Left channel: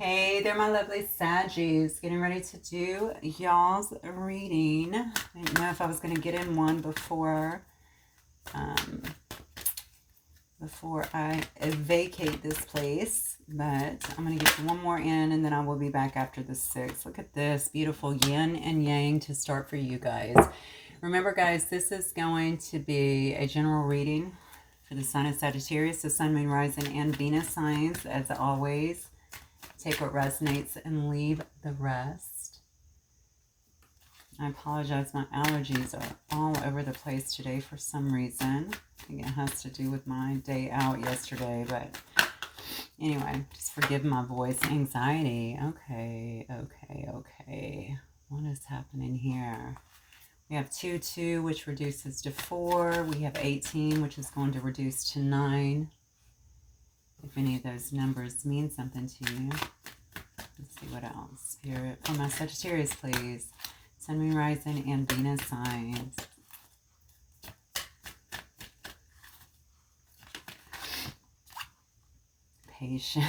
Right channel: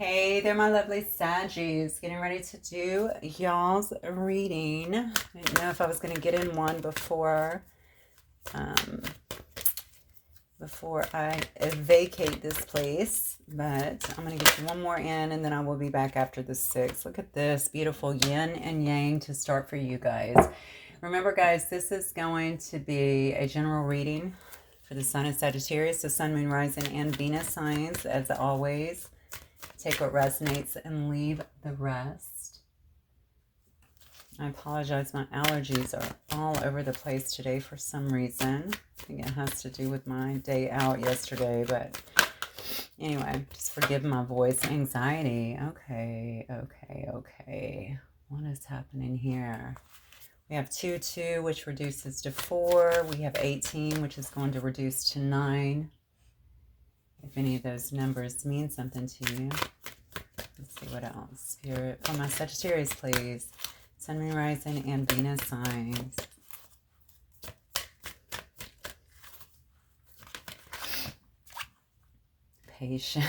Hey there, my lovely Saggies. Getting ready to do y'all's reading. I didn't know if I was going to get in one um, before I vacate this place, but I'm going to get one more in and then I will be back after the 6. Look at this beautiful yin and yang to start for you guys. Remember, guys, this is going to be a general reading for the sign of Sagittarius, the sun, moon, rising, and Venus signs, as always. Take what resonates and leave the rest. I apologize, my allergies are all over the place today for some reason. I think it has to do with my day out yesterday, but anyway, just forgive my voice. Anxiety. Okay. What is happening here? We have 2, which reduces to 4. We have 18, which is going to reduce to 9. If any of those numbers mean something to you. Let's see what else. Spirit for my Sagittarius, please. Sun, moon, rising, and Venus signs. Patient.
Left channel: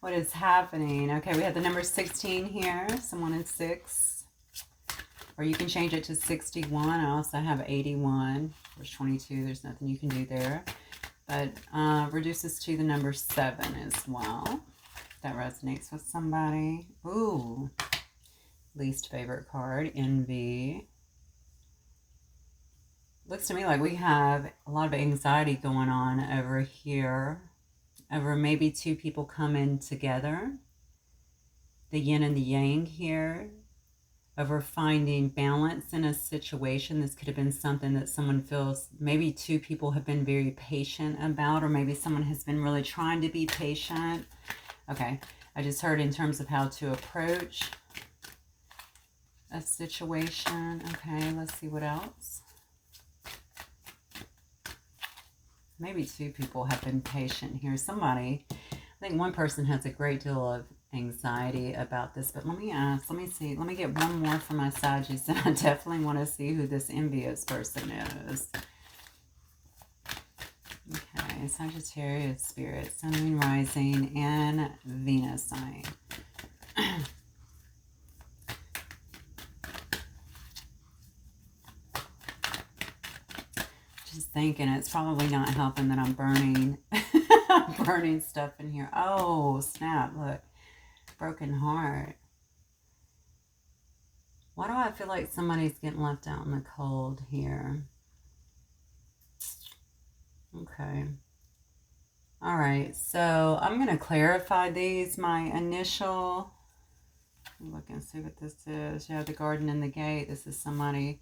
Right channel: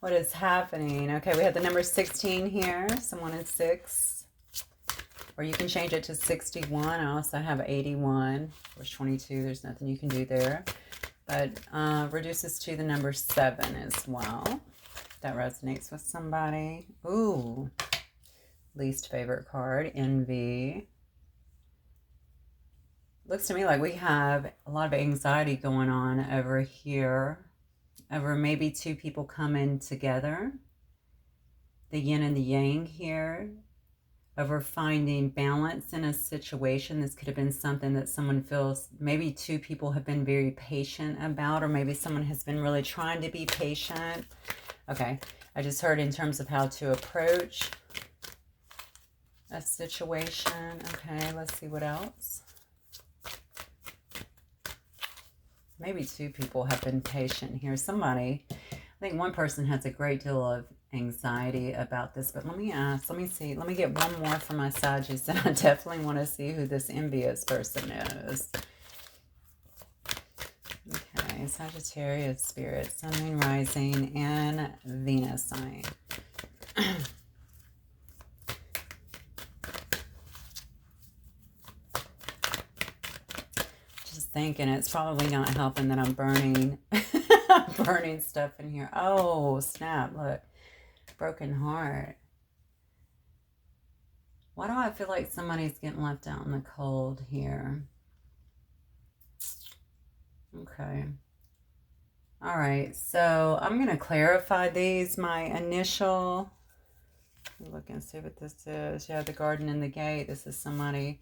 What is happening? Okay, we have the number 16 here. Someone in 6. Or you can change it to 61. I also have 81. Of course, 22. There's nothing you can do there. But reduces to the number 7 as well. That resonates with somebody. Ooh. Least favorite card, envy. Looks to me like we have a lot of anxiety going on over here. Over maybe 2 people coming together. The yin and the yang here. Over finding balance in a situation. This could have been something that someone feels, maybe 2 people have been very patient about, or maybe someone has been really trying to be patient. Okay, I just heard in terms of how to approach a situation. Okay, let's see what else. Maybe 2 people have been patient here. Somebody, I think one person has a great deal of anxiety about this, but let me ask, let me see, let me get one more for my Saggies, and I definitely want to see who this envious person is. Okay, Sagittarius spirit, sun, moon, rising, and Venus sign. Just thinking it's probably not helping that I'm burning burning stuff in here. Oh, snap, look. Broken heart. Why do I feel like somebody's getting left out in the cold here? Okay. All right, so I'm going to clarify these. My initial, look and see what this is. Yeah, the garden and the gate. This is somebody,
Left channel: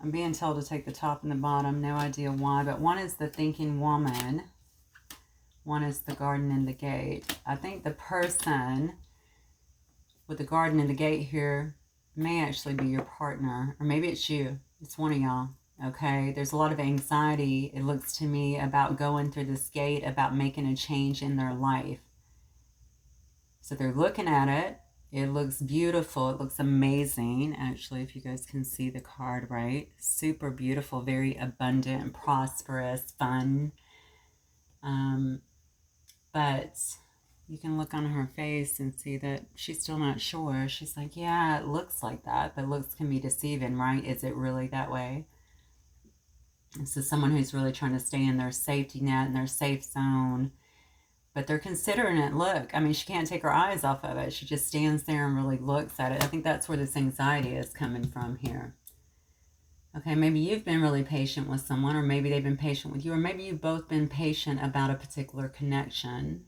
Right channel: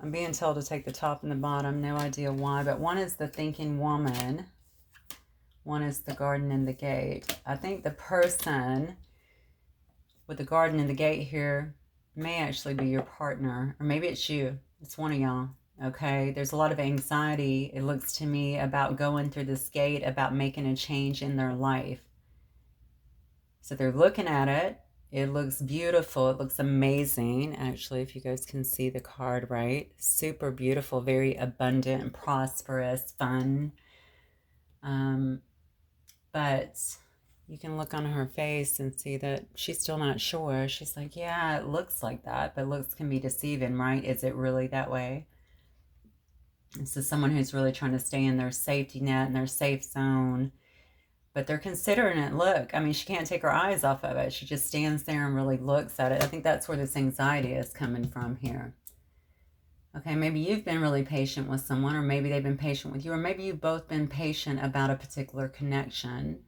I'm being told to take the top and the bottom. No idea why, but one is the thinking woman. One is the garden and the gate. I think the person with the garden and the gate here may actually be your partner, or maybe it's you. It's one of y'all. Okay, there's a lot of anxiety, it looks to me, about going through this gate, about making a change in their life. So they're looking at it. It looks beautiful. It looks amazing. Actually, if you guys can see the card, right? Super beautiful, very abundant, prosperous, fun. But you can look on her face and see that she's still not sure. She's like, yeah, it looks like that, but looks can be deceiving, right? Is it really that way? This is someone who's really trying to stay in their safety net, in their safe zone, but they're considering it. Look, I mean, she can't take her eyes off of it. She just stands there and really looks at it. I think that's where this anxiety is coming from here. Okay, maybe you've been really patient with someone, or maybe they've been patient with you, or maybe you've both been patient about a particular connection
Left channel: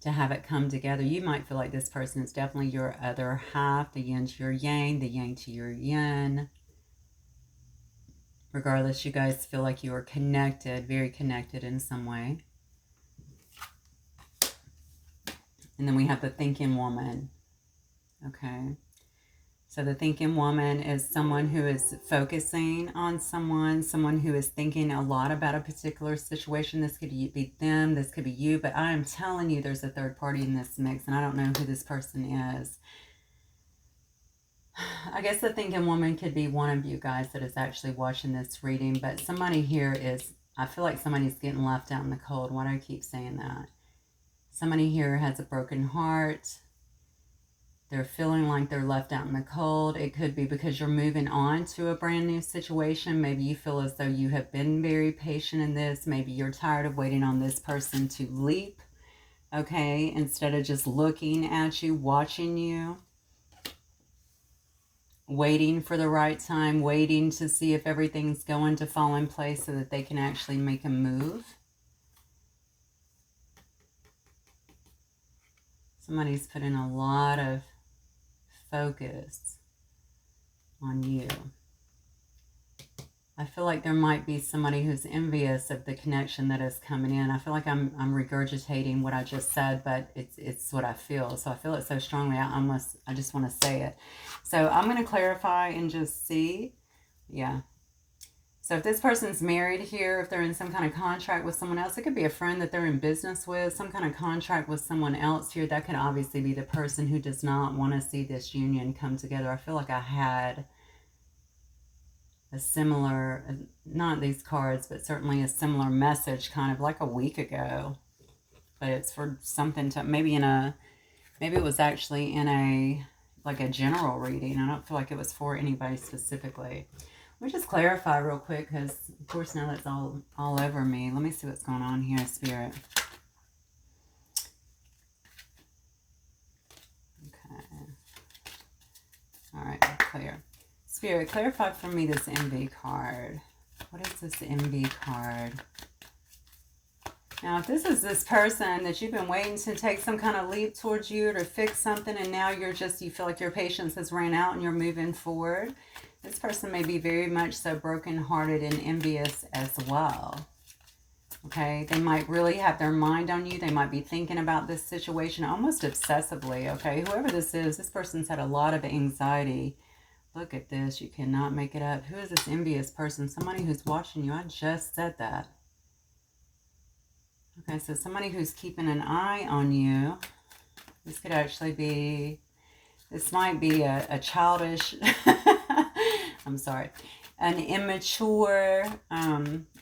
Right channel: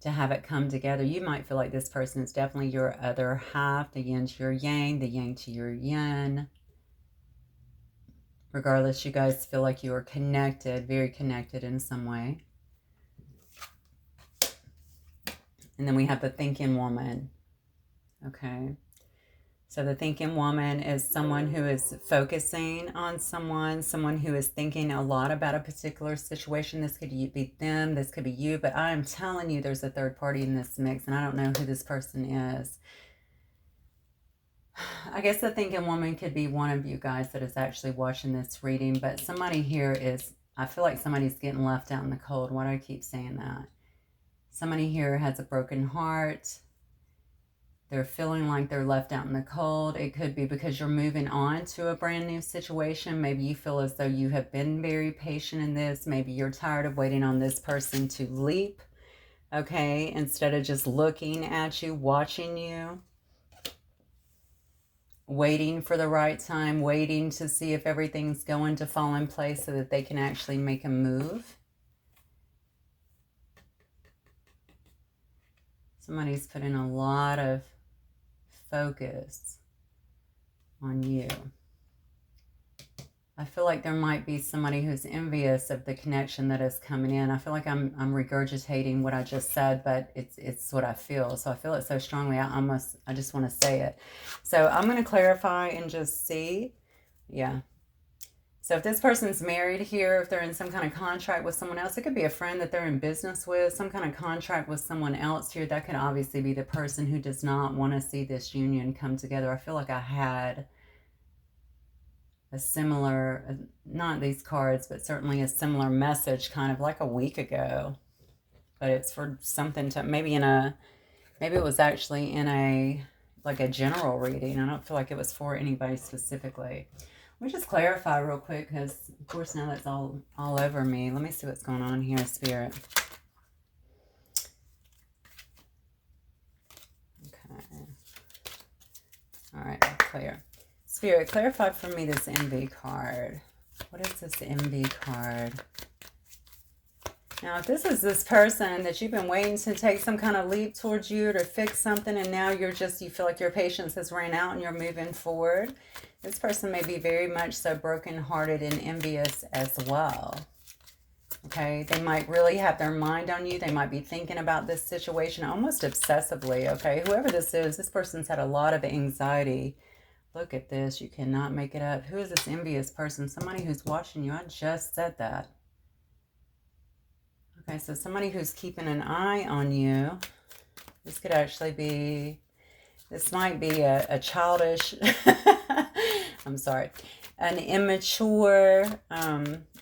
to have it come together. You might feel like this person is definitely your other half, the yin to your yang, the yang to your yin. Regardless, you guys feel like you are connected, very connected in some way. And then we have the thinking woman. Okay. So the thinking woman is someone who is focusing on someone who is thinking a lot about a particular situation. This could be them, this could be you, but I am telling you there's a third party in this mix, and I don't know who this person is. I guess the thinking woman could be one of you guys that is actually watching this reading, but somebody here is, I feel like somebody's getting left out in the cold. Why do I keep saying that? Somebody here has a broken heart. They're feeling like they're left out in the cold. It could be because you're moving on to a brand new situation. Maybe you feel as though you have been very patient in this. Maybe you're tired of waiting on this person to leap, okay, instead of just looking at you, watching you, waiting for the right time, waiting to see if everything's going to fall in place so that they can actually make a move. Somebody's putting a lot of focus on you. I feel like there might be somebody who's envious of the connection that is coming in. I feel like I'm regurgitating what I just said, but it's what I feel. So I feel it so strongly, I just want to say it. So I'm going to clarify and just see. Yeah. So if this person's married here, if they're in some kind of contract with someone else, it could be a friend that they're in business with, some kind of contract with someone else here. That could obviously be the person who does not want to see this union come together. I feel like I had a similar, not these cards, but certainly a similar message kind of like a week ago. But it's for something to, maybe it was actually in a, like a general reading. I don't feel like it was for anybody specifically. Let me just clarify real quick, because of course now that's all over me. Let me see what's going on here, Spirit. Okay. All right, clear. Spirit, clarify for me this envy card. What is this envy card? Now, if this is this person that you've been waiting to take some kind of leap towards you to fix something, and now you feel like your patience has ran out and you're moving forward, this person may be very much so brokenhearted and envious as well. Okay, they might really have their mind on you. They might be thinking about this situation almost obsessively, okay? Whoever this is, this person's had a lot of anxiety. Look at this. You cannot make it up. Who is this envious person? Somebody who's watching you. I just said that. Okay, so somebody who's keeping an eye on you. This could actually be, this might be a childish, I'm sorry, an immature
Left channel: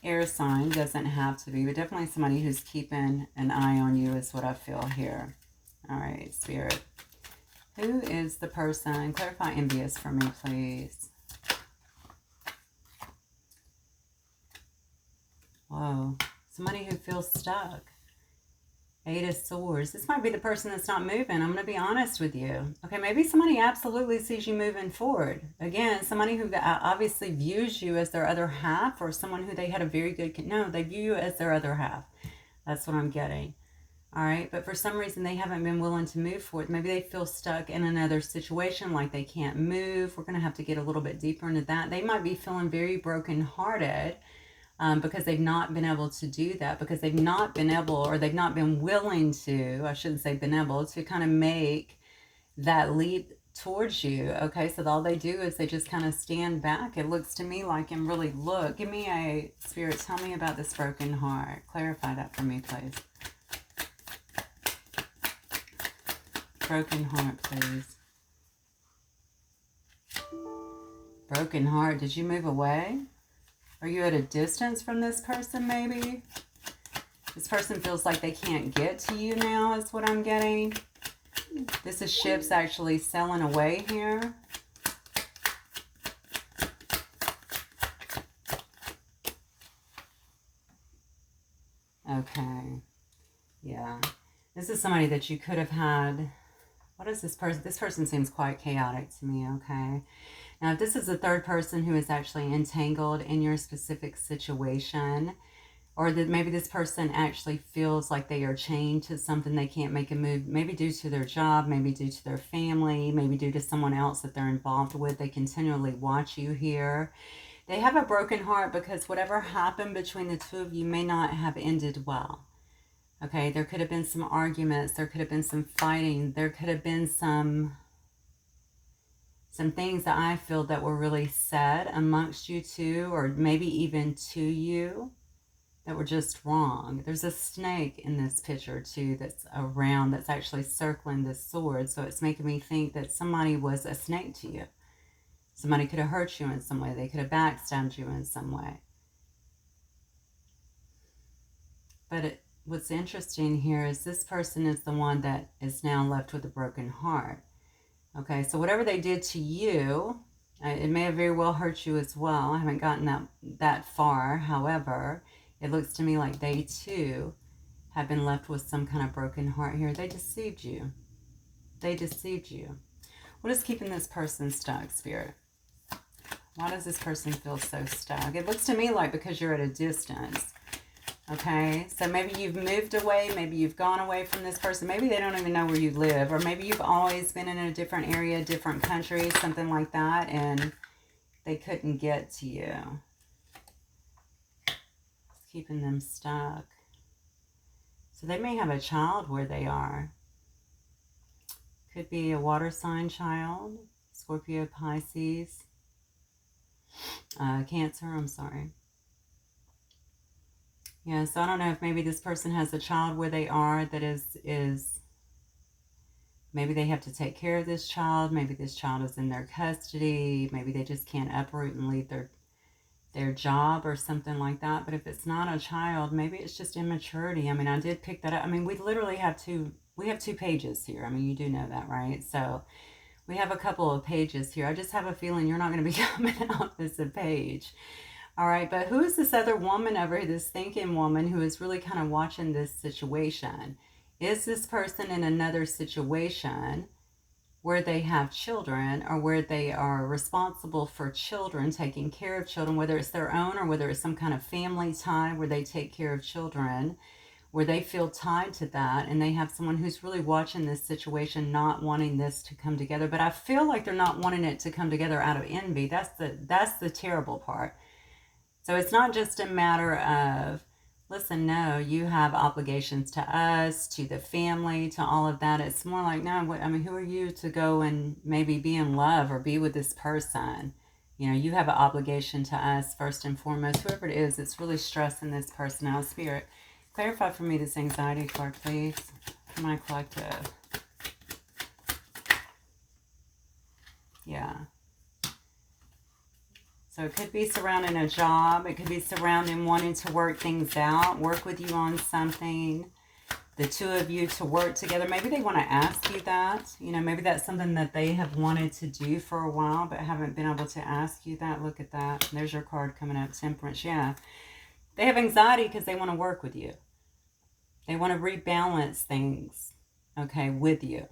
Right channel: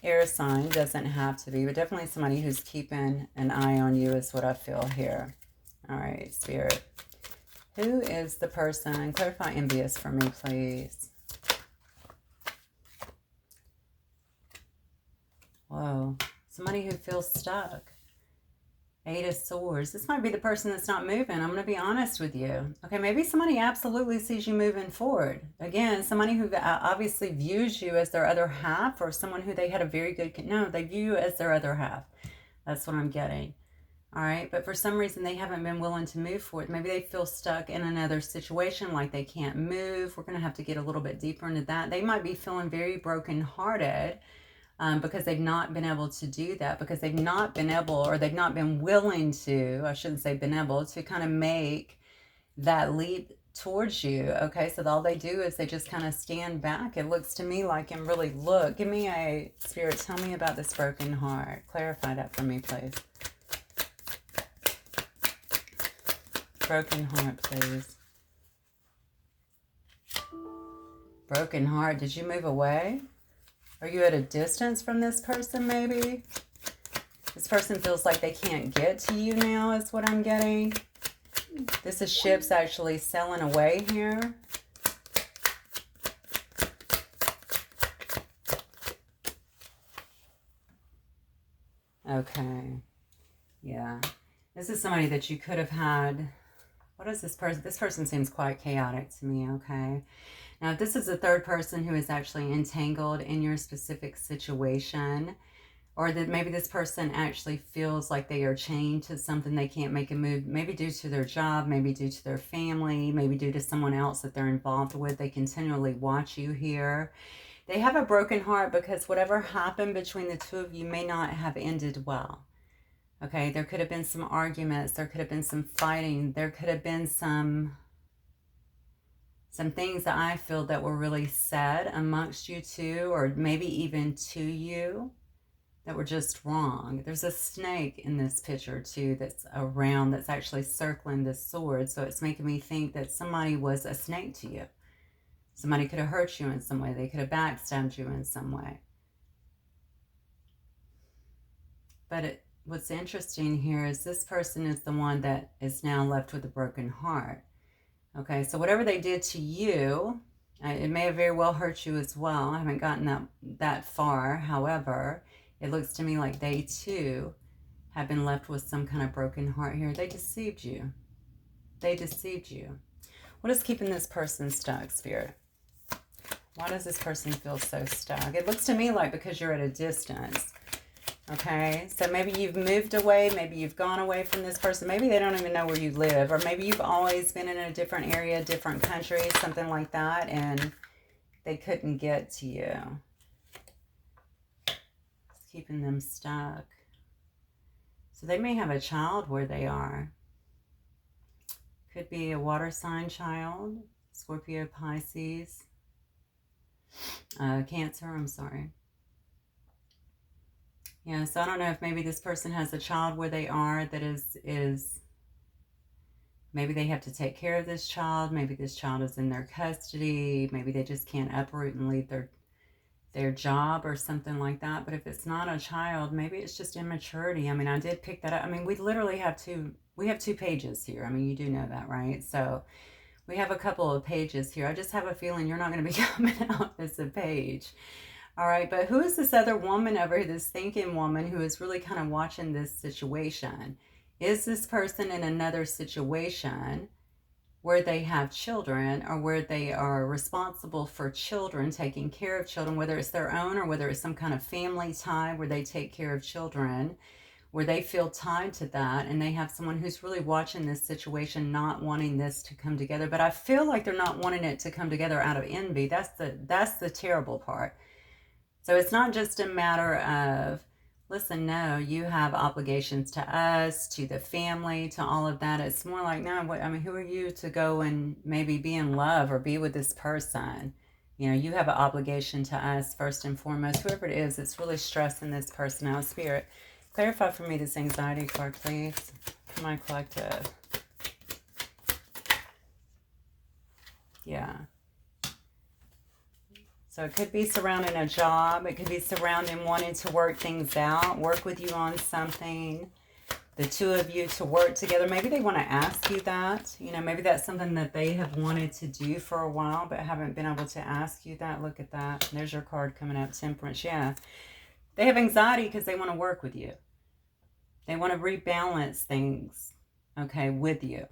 air sign. Doesn't have to be, but definitely somebody who's keeping an eye on you is what I feel here. All right, Spirit. Who is the person? Clarify envious for me, please. Whoa. Somebody who feels stuck. 8 of Swords. This might be the person that's not moving. I'm going to be honest with you. Okay, maybe somebody absolutely sees you moving forward. Again, somebody who obviously views you as their other half, or someone who they had a very good... No, they view you as their other half. That's what I'm getting. All right, but for some reason they haven't been willing to move forward. Maybe they feel stuck in another situation, like they can't move. We're going to have to get a little bit deeper into that. They might be feeling very brokenhearted because they've not been able to do that, because they've not been able, or they've not been willing to, I shouldn't say been able to, kind of make that leap towards you. Okay, so all they do is they just kind of stand back, it looks to me like, and really look. Give me a, Spirit, tell me about this broken heart. Clarify that for me, please. Broken heart, please. Broken heart. Did you move away? Are you at a distance from this person, maybe? This person feels like they can't get to you now, is what I'm getting. This is ships actually sailing away here. Okay. Yeah. This is somebody that you could have had... What is this person? This person seems quite chaotic to me, okay? Now, if this is a third person who is actually entangled in your specific situation, or that maybe this person actually feels like they are chained to something, they can't make a move, maybe due to their job, maybe due to their family, maybe due to someone else that they're involved with. They continually watch you here. They have a broken heart because whatever happened between the two of you may not have ended well. Okay, there could have been some arguments, there could have been some fighting, there could have been some things that I feel that were really said amongst you two, or maybe even to you, that were just wrong. There's a snake in this picture too that's around, that's actually circling this sword, so it's making me think that somebody was a snake to you. Somebody could have hurt you in some way, they could have backstabbed you in some way. But what's interesting here is this person is the one that is now left with a broken heart. Okay, so whatever they did to you, it may have very well hurt you as well. I haven't gotten that far. However, it looks to me like they too have been left with some kind of broken heart here. They deceived you. They deceived you. What is keeping this person stuck, Spirit? Why does this person feel so stuck? It looks to me like because you're at a distance. Okay, so maybe you've moved away, maybe you've gone away from this person, maybe they don't even know where you live, or maybe you've always been in a different area, different country, something like that, and they couldn't get to you. It's keeping them stuck. So they may have a child where they are. Could be a water sign child, Scorpio, Pisces, Cancer, I'm sorry. Yeah, so I don't know if maybe this person has a child where they are that is maybe they have to take care of this child. Maybe this child is in their custody. Maybe they just can't uproot and leave their job or something like that. But if it's not a child, maybe it's just immaturity. I mean, I did pick that up. I mean, we literally have two pages here. I mean, you do know that, right? So we have a couple of pages here. I just have a feeling you're not going to be coming out as a page. All right, but who is this other woman over here, this thinking woman who is really kind of watching this situation? Is this person in another situation where they have children or where they are responsible for children, taking care of children, whether it's their own or whether it's some kind of family time where they take care of children, where they feel tied to that, and they have someone who's really watching this situation, not wanting this to come together. But I feel like they're not wanting it to come together out of envy. That's the terrible part. So it's not just a matter of, listen, no, you have obligations to us, to the family, to all of that. It's more like, no, I mean, who are you to go and maybe be in love or be with this person? You know, you have an obligation to us first and foremost. Whoever it is, it's really stressing this person out. Spirit, clarify for me this anxiety card, please, for my collective. Yeah. So it could be surrounding a job. It could be surrounding wanting to work things out, work with you on something. The two of you to work together. Maybe they want to ask you that. You know, maybe that's something that they have wanted to do for a while, but haven't been able to ask you that. Look at that. There's your card coming up, Temperance. Yeah. They have anxiety because they want to work with you. They want to rebalance things, okay, with you.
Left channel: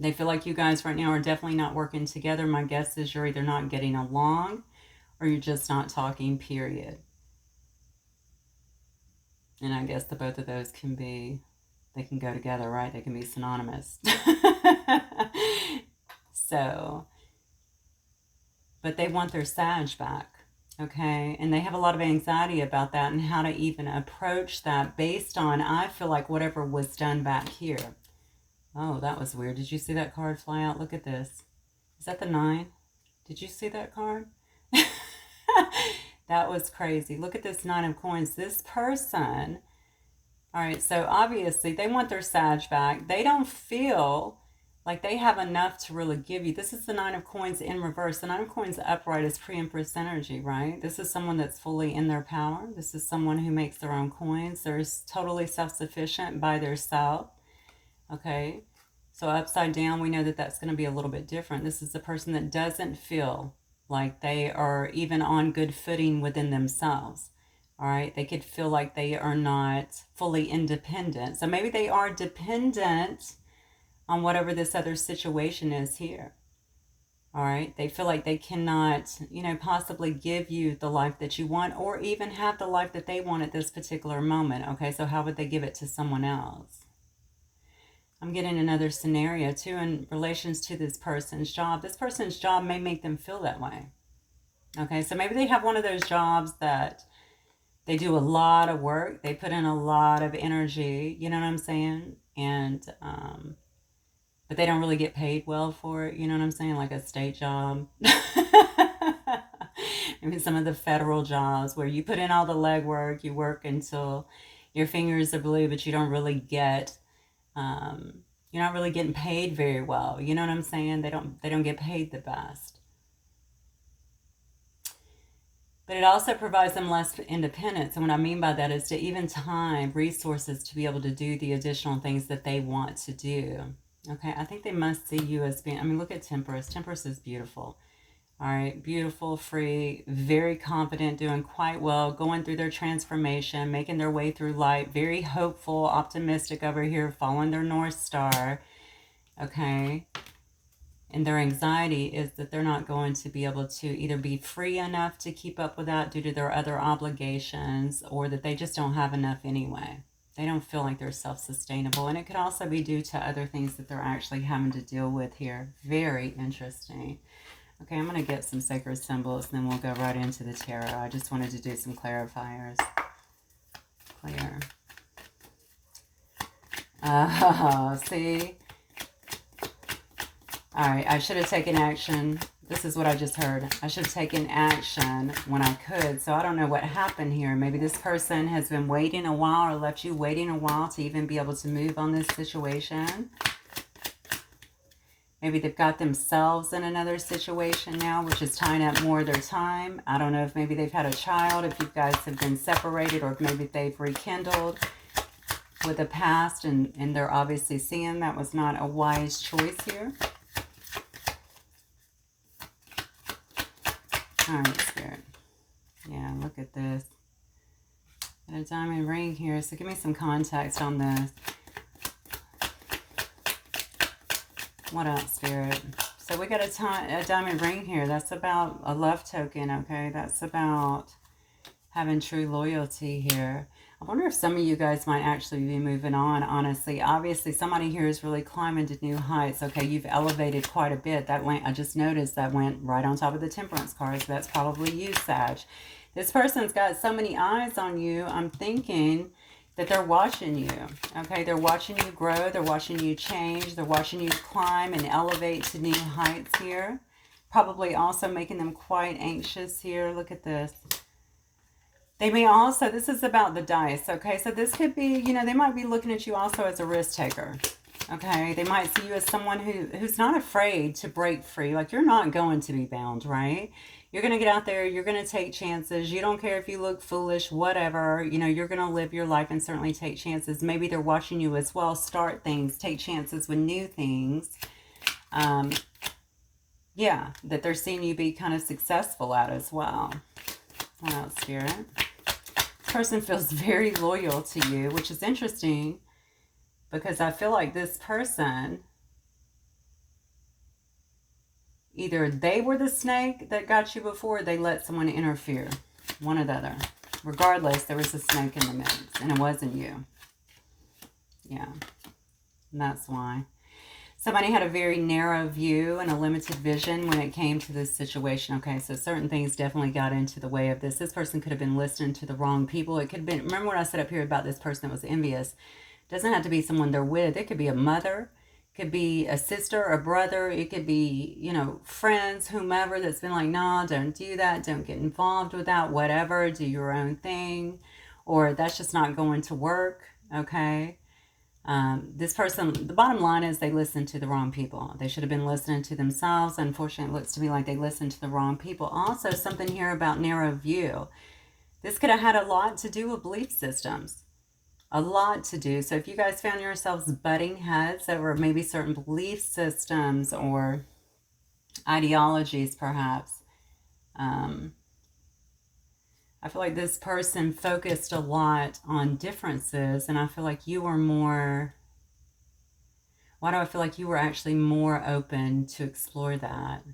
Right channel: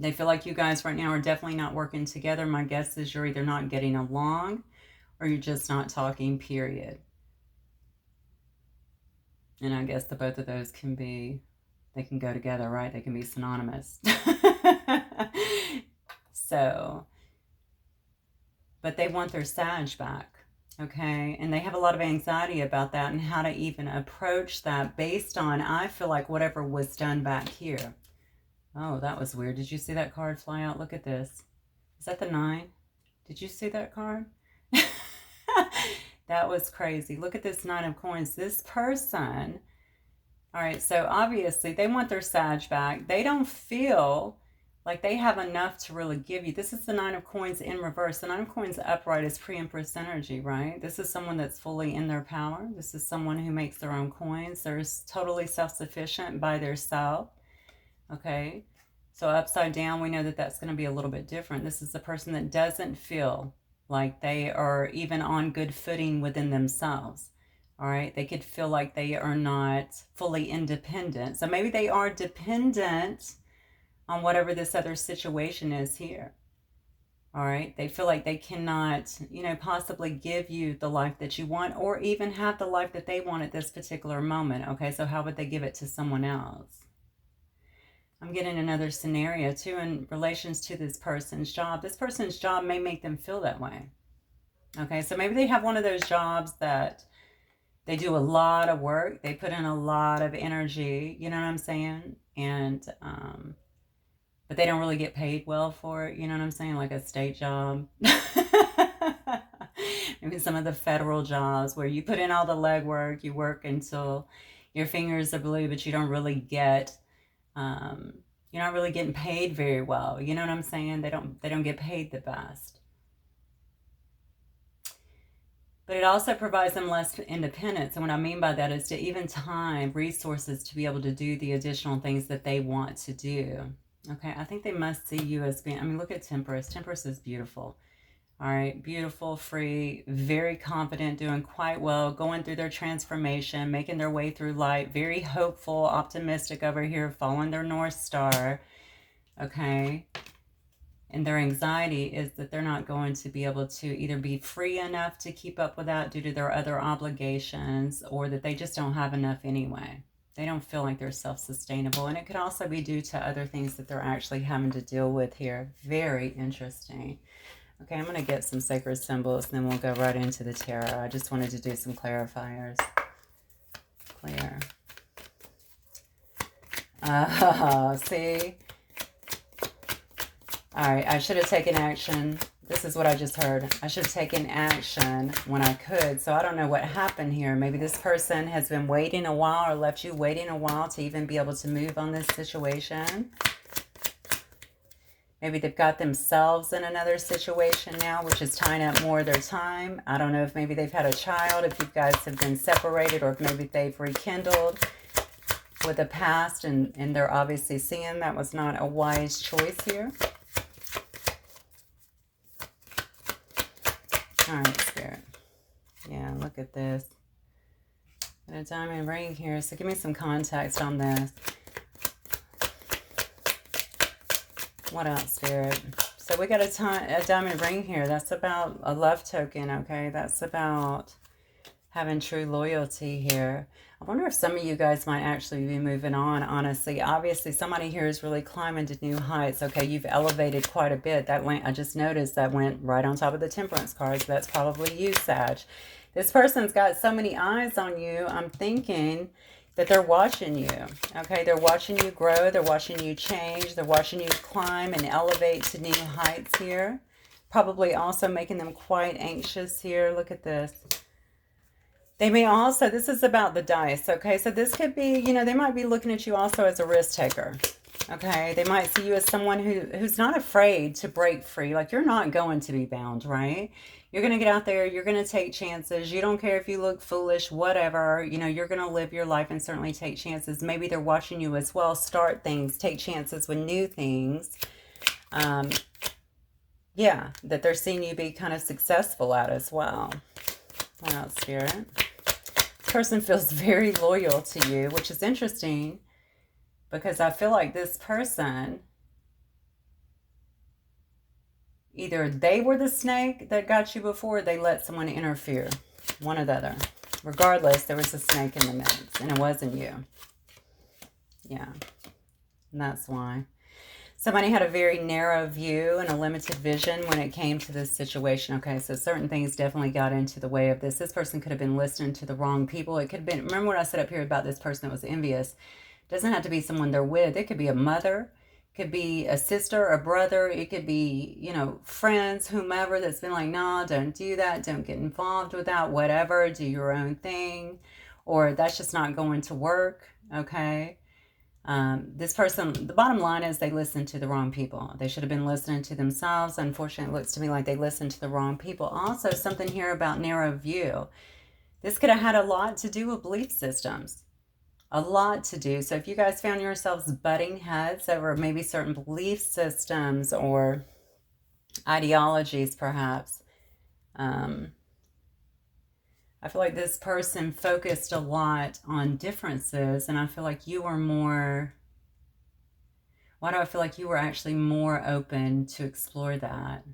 They feel like you guys right now are definitely not working together. My guess is you're either not getting along or you're just not talking, period. And I guess the both of those can be, they can go together, right? They can be synonymous. So, but they want their Sag back, okay? And they have a lot of anxiety about that and how to even approach that based on, I feel like, whatever was done back here. Oh, that was weird. Did you see that card fly out? Look at this. Is that the 9? Did you see that card? That was crazy. Look at this 9 of coins. This person, all right, so obviously they want their Sag back. They don't feel like they have enough to really give you. This is the 9 of coins in reverse. The 9 of coins upright is pre-empress energy, right? This is someone that's fully in their power. This is someone who makes their own coins. They're totally self-sufficient by their self. Okay, so upside down, we know that that's going to be a little bit different. This is the person that doesn't feel like they are even on good footing within themselves. All right, they could feel like they are not fully independent. So maybe they are dependent on whatever this other situation is here. All right, they feel like they cannot, you know, possibly give you the life that you want or even have the life that they want at this particular moment. Okay, so how would they give it to someone else? I'm getting another scenario too in relations to this person's job. This person's job may make them feel that way. Okay, so maybe they have one of those jobs that they do a lot of work. They put in a lot of energy, you know what I'm saying? And, but they don't really get paid well for it, you know what I'm saying? Like a state job. Maybe some of the federal jobs where you put in all the legwork, you work until your fingers are blue, but you don't really get, you're not really getting paid very well. You know what I'm saying? They don't get paid the best. But it also provides them less independence. And what I mean by that is to even time, resources to be able to do the additional things that they want to do. Okay, I think they must see you as being, I mean, look at Temperance. Temperance is beautiful. All right, beautiful, free, very confident, doing quite well, going through their transformation, making their way through life, very hopeful, optimistic over here, following their North Star. Okay. And their anxiety is that they're not going to be able to either be free enough to keep up with that due to their other obligations, or that they just don't have enough anyway. They don't feel like they're self-sustainable. And it could also be due to other things that they're actually having to deal with here. Very interesting. Okay, I'm going to get some sacred symbols, and then we'll go right into the tarot. I just wanted to do some clarifiers. Clear. See? All right, I should have taken action. This is what I just heard. I should have taken action when I could. So I don't know what happened here. Maybe this person has been waiting a while, or left you waiting a while to even be able to move on this situation. Maybe they've got themselves in another situation now, which is tying up more of their time. I don't know if maybe they've had a child, if you guys have been separated, or if maybe they've rekindled with the past, and they're obviously seeing that was not a wise choice here. All right, Spirit. Yeah, look at this. Got a diamond ring here, so give me some context on this. What else, Spirit? So we got a diamond ring here. That's about a love token, okay? That's about having true loyalty here. I wonder if some of you guys might actually be moving on, honestly. Obviously, somebody here is really climbing to new heights. Okay, you've elevated quite a bit. That went, I just noticed that went right on top of the Temperance card. So that's probably you, Sag. This person's got so many eyes on you. I'm thinking that they're watching you. Okay, they're watching you grow. They're watching you change. They're watching you climb and elevate to new heights here. Probably also making them quite anxious here. Look at this. They may also, this is about the dice, okay? So this could be, you know, they might be looking at you also as a risk taker, okay? They might see you as someone who's not afraid to break free. Like, you're not going to be bound, right? You're going to get out there. You're going to take chances. You don't care if you look foolish, whatever. You know, you're going to live your life and certainly take chances. Maybe they're watching you as well start things, take chances with new things. Yeah, that they're seeing you be kind of successful at as well. What else, Spirit? This person feels very loyal to you, which is interesting because I feel like this person, either they were the snake that got you before, or they let someone interfere. One or the other. Regardless, there was a snake in the mix, and it wasn't you. Yeah, and that's why. Somebody had a very narrow view and a limited vision when it came to this situation. Okay, so certain things definitely got into the way of this. This person could have been listening to the wrong people. It could have been, remember what I said up here about this person that was envious? It doesn't have to be someone they're with. It could be a mother. It could be a sister, a brother. It could be, you know, friends, whomever that's been like, no, don't do that. Don't get involved with that, whatever. Do your own thing. Or that's just not going to work, okay? This person, the bottom line is they listened to the wrong people. They should have been listening to themselves. Unfortunately, it looks to me like they listened to the wrong people. Also, something here about narrow view. This could have had a lot to do with belief systems. A lot to do. So if you guys found yourselves butting heads over maybe certain belief systems or ideologies, perhaps, I feel like this person focused a lot on differences, and I feel like you were more, why do I feel like you were actually more open to explore that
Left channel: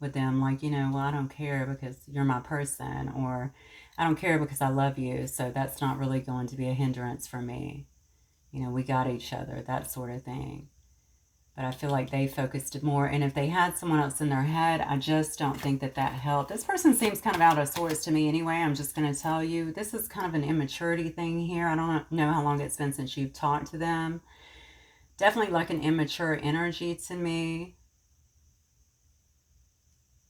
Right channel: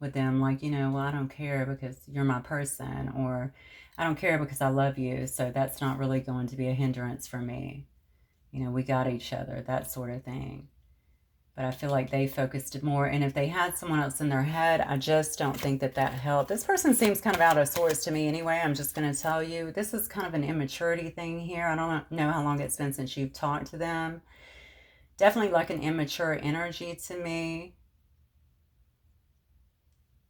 with them? Like, you know, well, I don't care because you're my person, or I don't care because I love you, so that's not really going to be a hindrance for me. You know, we got each other, that sort of thing. But I feel like they focused more. And if they had someone else in their head, I just don't think that that helped. This person seems kind of out of sorts to me anyway. I'm just going to tell you. This is kind of an immaturity thing here. I don't know how long it's been since you've talked to them. Definitely like an immature energy to me.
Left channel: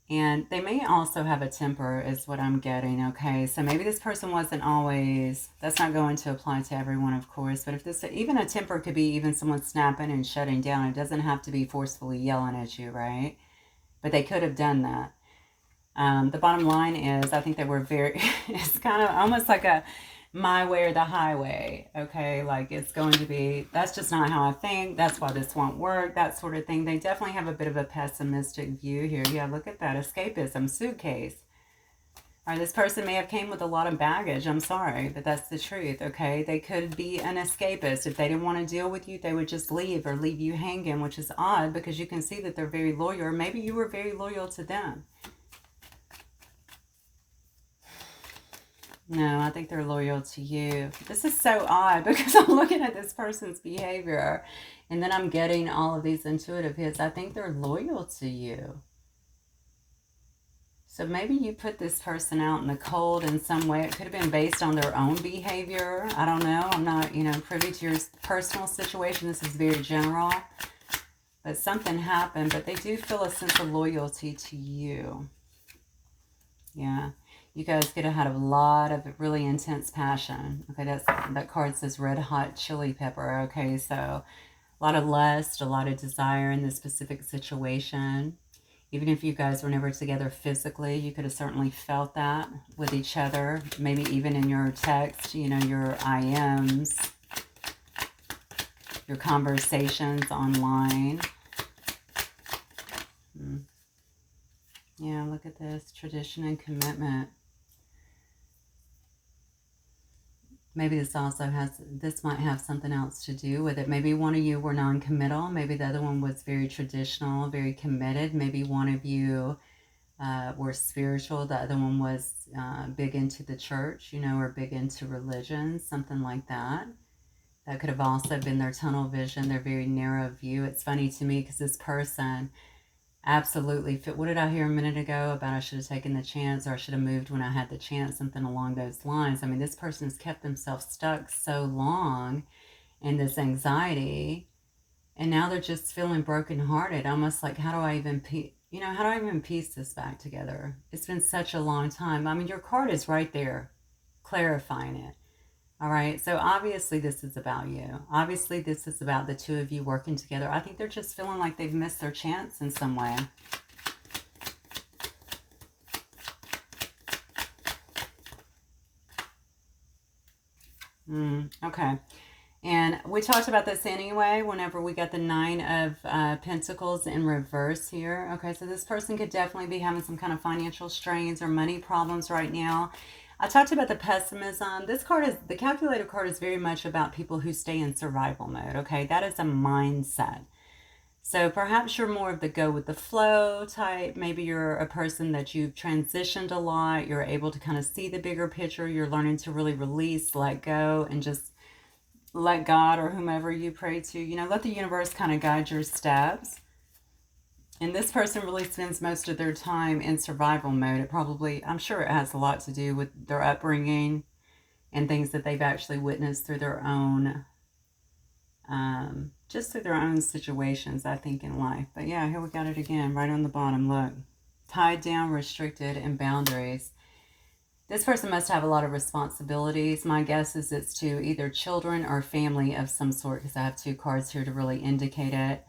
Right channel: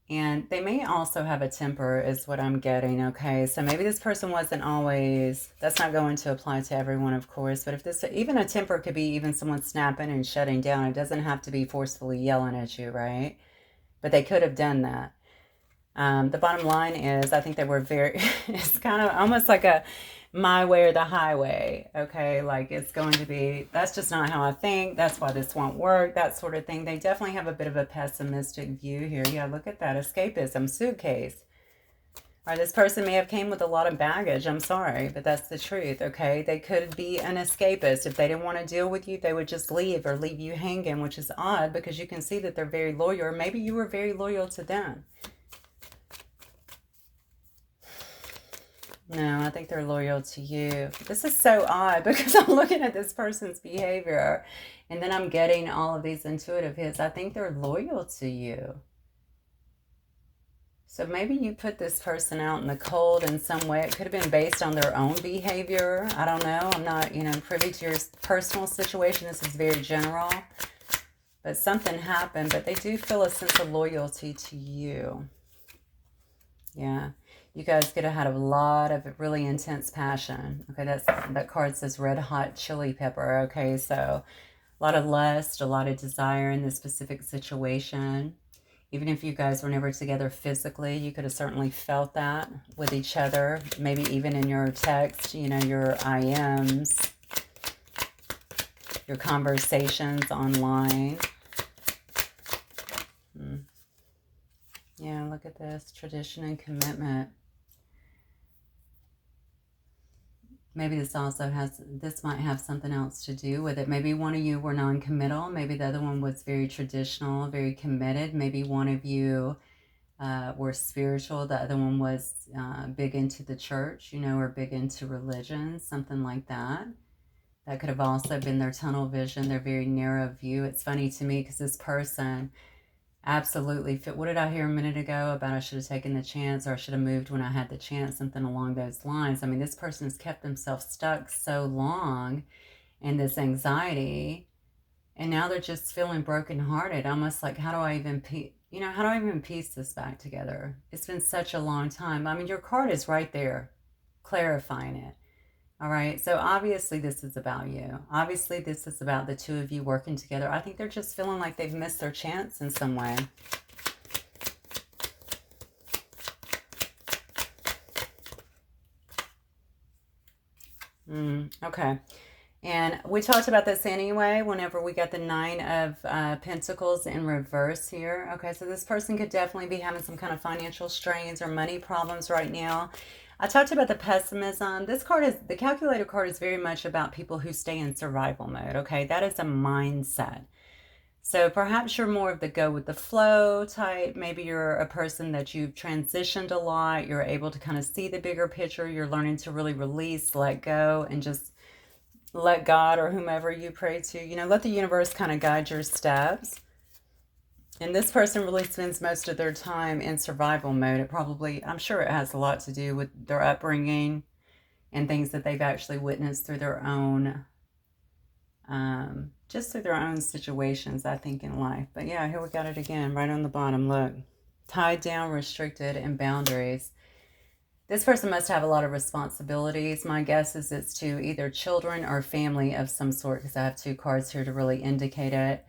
And they may also have a temper is what I'm getting, okay? So maybe this person wasn't always, that's not going to apply to everyone, of course, but if this, even a temper could be even someone snapping and shutting down. It doesn't have to be forcefully yelling at you, right? But they could have done that. The bottom line is, I think that we're very, it's kind of almost like a my way or the highway, okay? Like it's going to be, that's just not how I think. That's why this won't work, that sort of thing. They definitely have a bit of a pessimistic view here. Yeah, look at that, escapism, suitcase. Or this person may have came with a lot of baggage. I'm sorry, but that's the truth, okay? They could be an escapist. If they didn't want to deal with you, they would just leave or leave you hanging, which is odd because you can see that they're very loyal. Or maybe you were very loyal to them. No, I think they're loyal to you. This is so odd because I'm looking at this person's behavior and then I'm getting all of these intuitive hits. I think they're loyal to you. So maybe you put this person out in the cold in some way. It could have been based on their own behavior. I don't know. I'm not, privy to your personal situation. This is very general. But something happened. But they do feel a sense of loyalty to you. Yeah. You guys could have had a lot of really intense passion. Okay, that card says red hot chili pepper. Okay, so a lot of lust, a lot of desire in this specific situation. Even if you guys were never together physically, you could have certainly felt that with each other. Maybe even in your text, your IMs, your conversations online. Yeah, look at this. Tradition and commitment. Maybe this might have something else to do with it. Maybe one of you were non-committal. Maybe the other one was very traditional, very committed. Maybe one of you were spiritual. The other one was big into the church, or big into religion, something like that. That could have also been their tunnel vision, their very narrow view. It's funny to me because this person absolutely fit. What did I hear a minute ago about I should have taken the chance or I should have moved when I had the chance, something along those lines. I mean, this person has kept themselves stuck so long in this anxiety and now they're just feeling brokenhearted, almost like how do I even piece this back together? It's been such a long time. I mean, your card is right there clarifying it. All right, so obviously this is about you. Obviously this is about the two of you working together. I think they're just feeling like they've missed their chance in some way. Okay. And we talked about this anyway whenever we got the Nine of Pentacles in reverse here. Okay, so this person could definitely be having some kind of financial strains or money problems right now. I talked about the pessimism. The calculator card is very much about people who stay in survival mode, okay? That is a mindset. So perhaps you're more of the go with the flow type. Maybe you're a person that you've transitioned a lot. You're able to kind of see the bigger picture. You're learning to really release, let go, and just let God or whomever you pray to, let the universe kind of guide your steps. And this person really spends most of their time in survival mode. I'm sure it has a lot to do with their upbringing and things that they've actually witnessed through their own, just through their own situations, I think, in life. But yeah, here we got it again, right on the bottom, look. Tied down, restricted, and boundaries. This person must have a lot of responsibilities. My guess is it's to either children or family of some sort, because I have two cards here to really indicate it.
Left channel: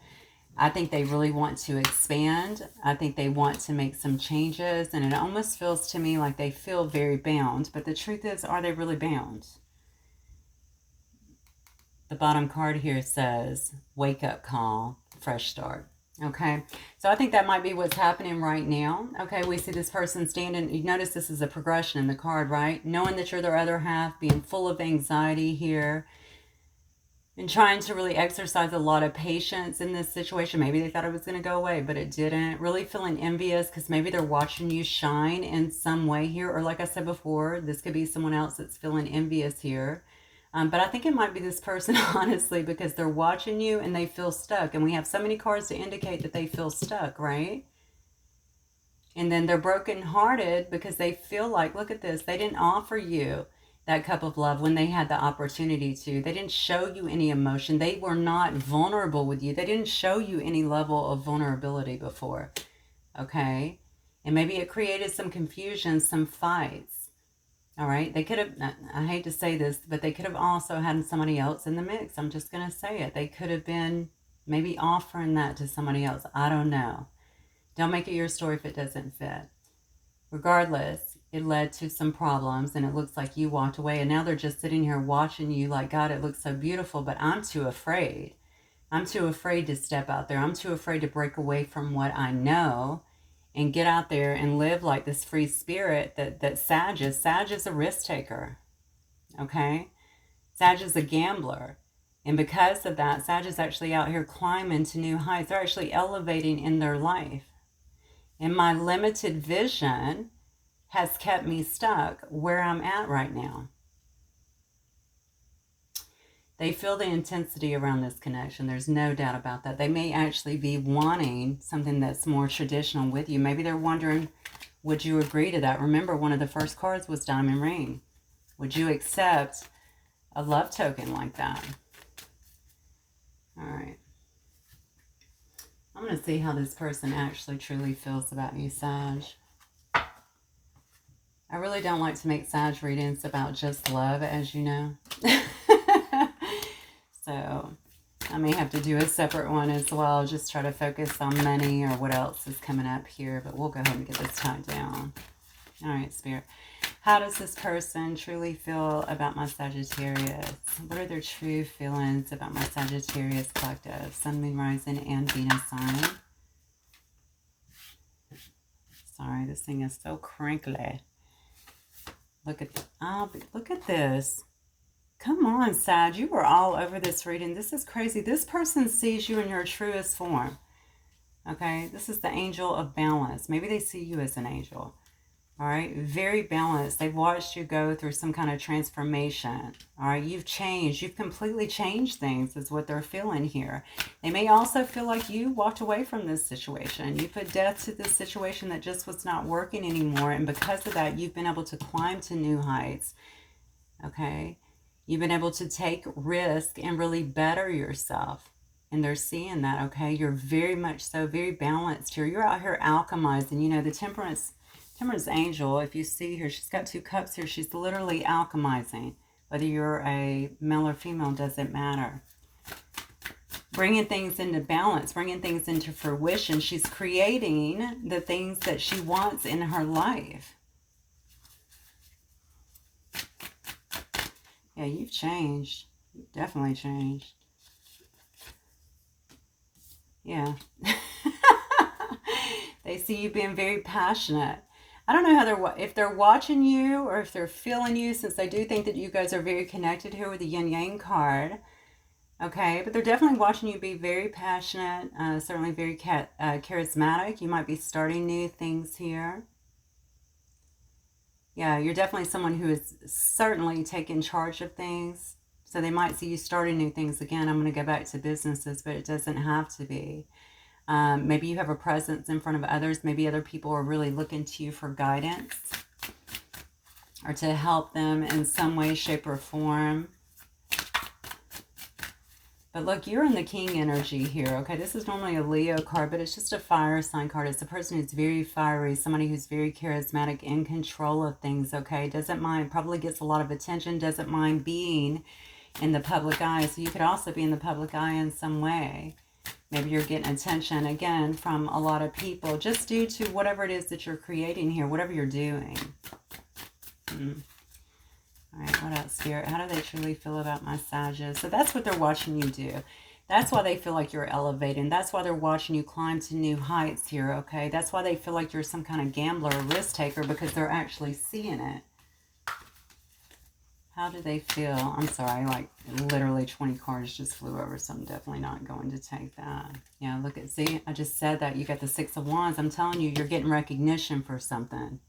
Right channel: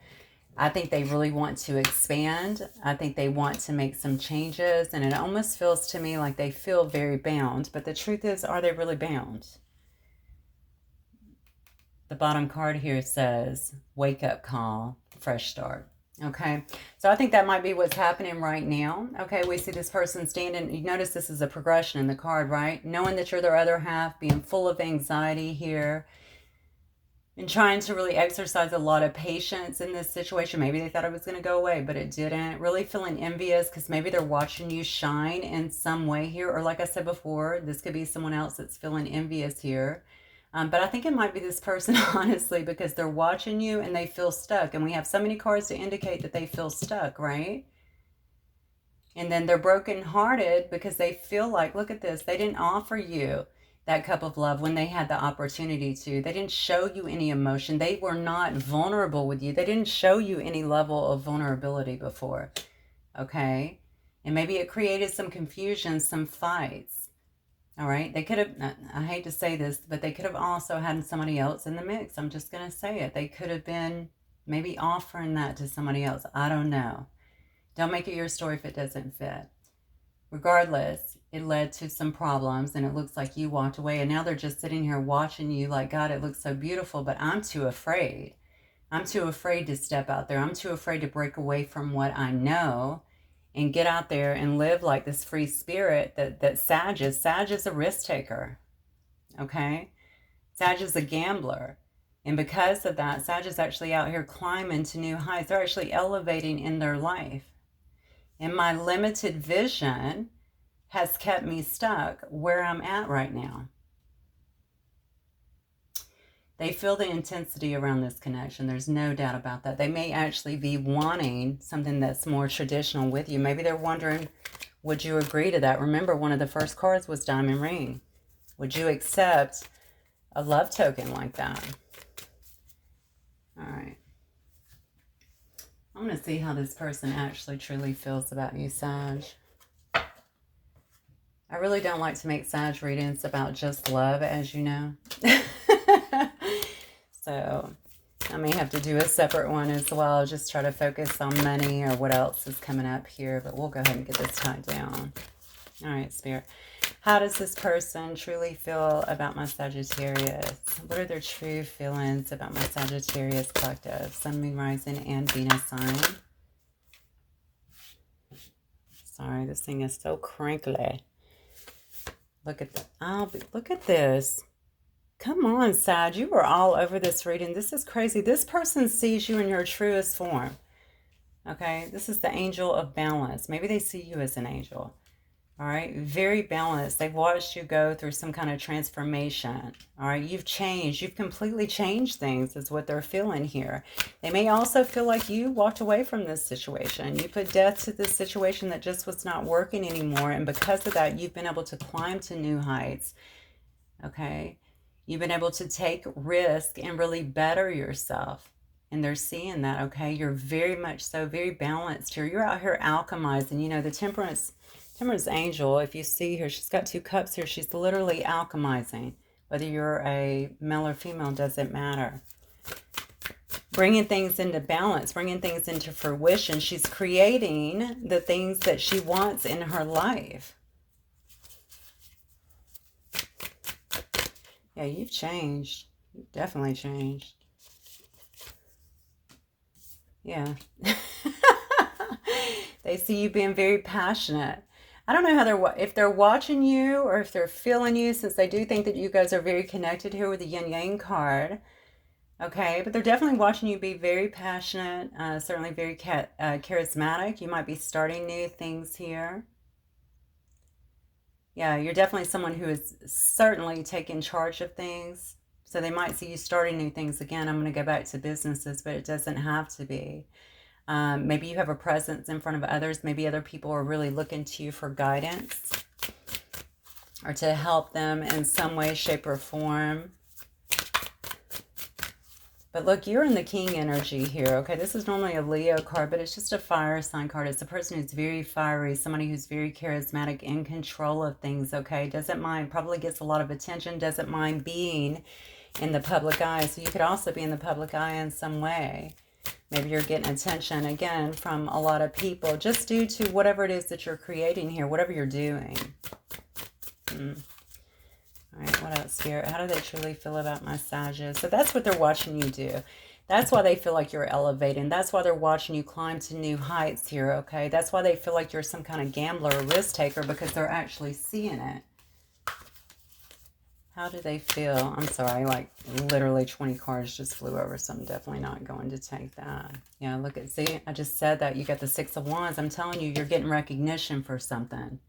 I think they really want to expand. I think they want to make some changes, and it almost feels to me like they feel very bound. But the truth is, are they really bound? The bottom card here says, wake up call, fresh start. Okay, so I think that might be what's happening right now. Okay, we see this person standing. You notice this is a progression in the card, right? Knowing that you're their other half, being full of anxiety here, and trying to really exercise a lot of patience in this situation. Maybe they thought it was going to go away, but it didn't. Really feeling envious because maybe they're watching you shine in some way here. Or like I said before, this could be someone else that's feeling envious here. But I think it might be this person, honestly, because they're watching you and they feel stuck. And we have so many cards to indicate that they feel stuck, right? And then they're brokenhearted because they feel like, look at this, they didn't offer you that cup of love when they had the opportunity to. They didn't show you any emotion. They were not vulnerable with you. They didn't show you any level of vulnerability before, okay? And maybe it created some confusion, some fights. All right, they could have, I hate to say this, but they could have also had somebody else in the mix. I'm just going to say it. They could have been maybe offering that to somebody else. I don't know. Don't make it your story if it doesn't fit. Regardless, it led to some problems and it looks like you walked away, and now they're just sitting here watching you like, God, it looks so beautiful, but I'm too afraid. I'm too afraid to step out there. I'm too afraid to break away from what I know and get out there and live like this free spirit that Sag is. Sag is a risk taker, okay? Sag is a gambler. And because of that, Sag is actually out here climbing to new heights. They're actually elevating in their life. And my limited vision has kept me stuck where I'm at right now. They feel the intensity around this connection. There's no doubt about that. They may actually be wanting something that's more traditional with you. Maybe they're wondering, would you agree to that? Remember, one of the first cards was Diamond Ring. Would you accept a love token like that? All right. I'm going to see how this person actually truly feels about you, Sag. I really don't like to make Sag readings about just love, as you know. So I may have to do a separate one as well. Just try to focus on money or what else is coming up here. But we'll go ahead and get this tied down. All right, Spirit. How does this person truly feel about my Sagittarius? What are their true feelings about my Sagittarius collective? Sun, Moon, Rising, and Venus sign. Sorry, this thing is so crinkly. Look at look at this. Come on, Sag. You were all over this reading. This is crazy. This person sees you in your truest form. Okay? This is the angel of balance. Maybe they see you as an angel. All right? Very balanced. They've watched you go through some kind of transformation. All right? You've changed. You've completely changed things is what they're feeling here. They may also feel like you walked away from this situation. You put death to this situation that just was not working anymore. And because of that, you've been able to climb to new heights. Okay? You've been able to take risk and really better yourself. And they're seeing that, okay? You're very much so, very balanced here. You're out here alchemizing. You know, the temperance angel, if you see her, she's got 2 cups here. She's literally alchemizing. Whether you're a male or female, doesn't matter. Bringing things into balance, bringing things into fruition. She's creating the things that she wants in her life. Yeah, you've changed. You've definitely changed. Yeah. They see you being very passionate. I don't know how if they're watching you or if they're feeling you, since they do think that you guys are very connected here with the Yin Yang card. Okay, but they're definitely watching you be very passionate, certainly very charismatic. You might be starting new things here. Yeah, you're definitely someone who is certainly taking charge of things. So they might see you starting new things again. I'm going to go back to businesses, but it doesn't have to be. Maybe you have a presence in front of others. Maybe other people are really looking to you for guidance or to help them in some way, shape, or form. But look, you're in the King energy here, okay? This is normally a Leo card, but it's just a fire sign card. It's a person who's very fiery, somebody who's very charismatic, in control of things, okay? Doesn't mind, probably gets a lot of attention, doesn't mind being in the public eye. So you could also be in the public eye in some way. Maybe you're getting attention, again, from a lot of people, just due to whatever it is that you're creating here, whatever you're doing. All right, what else, Spirit? How do they truly feel about my Sages? So that's what they're watching you do. That's why they feel like you're elevating. That's why they're watching you climb to new heights here, okay? That's why they feel like you're some kind of gambler or risk taker, because they're actually seeing it. How do they feel? I'm sorry, like literally 20 cards just flew over, so I'm definitely not going to take that. Yeah, look at, see, I just said that. You got the 6 of Wands. I'm telling you, you're getting recognition for something.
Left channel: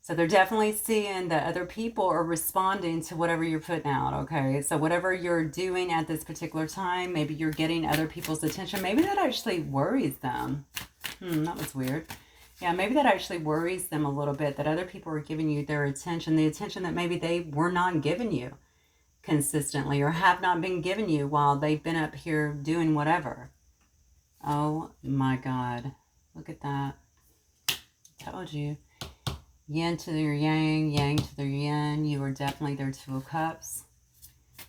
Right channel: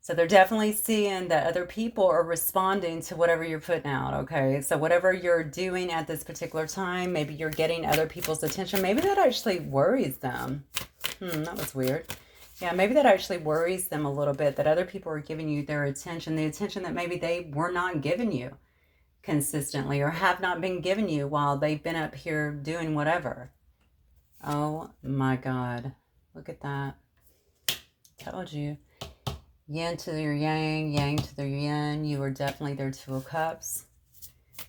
So they're definitely seeing that other people are responding to whatever you're putting out, okay? So whatever you're doing at this particular time, maybe you're getting other people's attention. Maybe that actually worries them. That was weird. Yeah, maybe that actually worries them a little bit, that other people are giving you their attention, the attention that maybe they were not giving you consistently or have not been giving you while they've been up here doing whatever. Oh my God. Look at that. Told you. Yin to their yang, yang to their yin. You are definitely their 2 of Cups.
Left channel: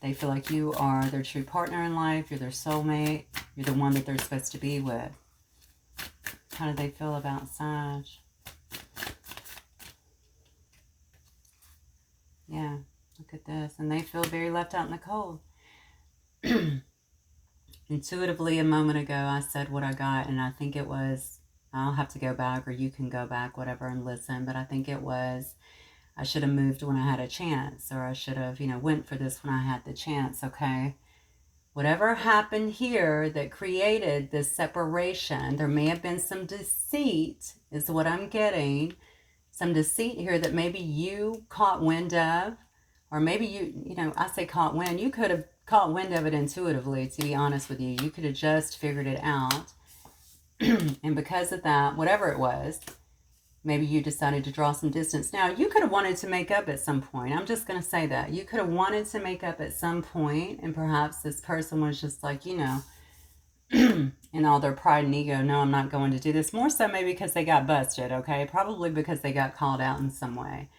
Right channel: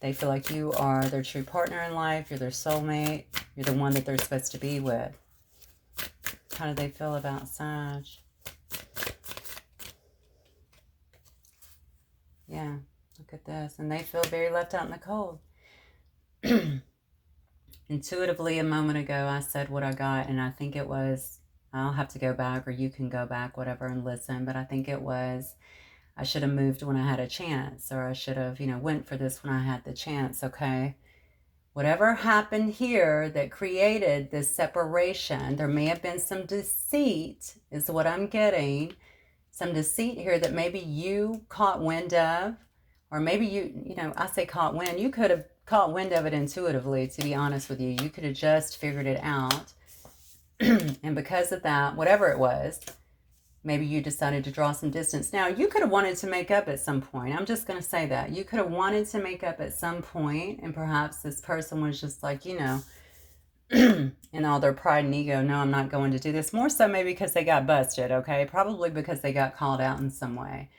They feel like you are their true partner in life. You're their soulmate. You're the one that they're supposed to be with. How do they feel about Sag? Yeah, look at this. And they feel very left out in the cold. Intuitively, a moment ago, I said what I got, and I think it was, I'll have to go back, or you can go back, whatever, and listen, but I think it was, I should have moved when I had a chance, or I should have, went for this when I had the chance, okay? Whatever happened here that created this separation, there may have been some deceit, is what I'm getting. Some deceit here that maybe you caught wind of, or maybe I say caught wind. You could have caught wind of it intuitively, to be honest with you. You could have just figured it out. And because of that, whatever it was, maybe you decided to draw some distance. Now, you could have wanted to make up at some point. I'm just going to say that. You could have wanted to make up at some point, and perhaps this person was just like, in all their pride and ego, no, I'm not going to do this. More so maybe because they got busted, okay? Probably because they got called out in some way.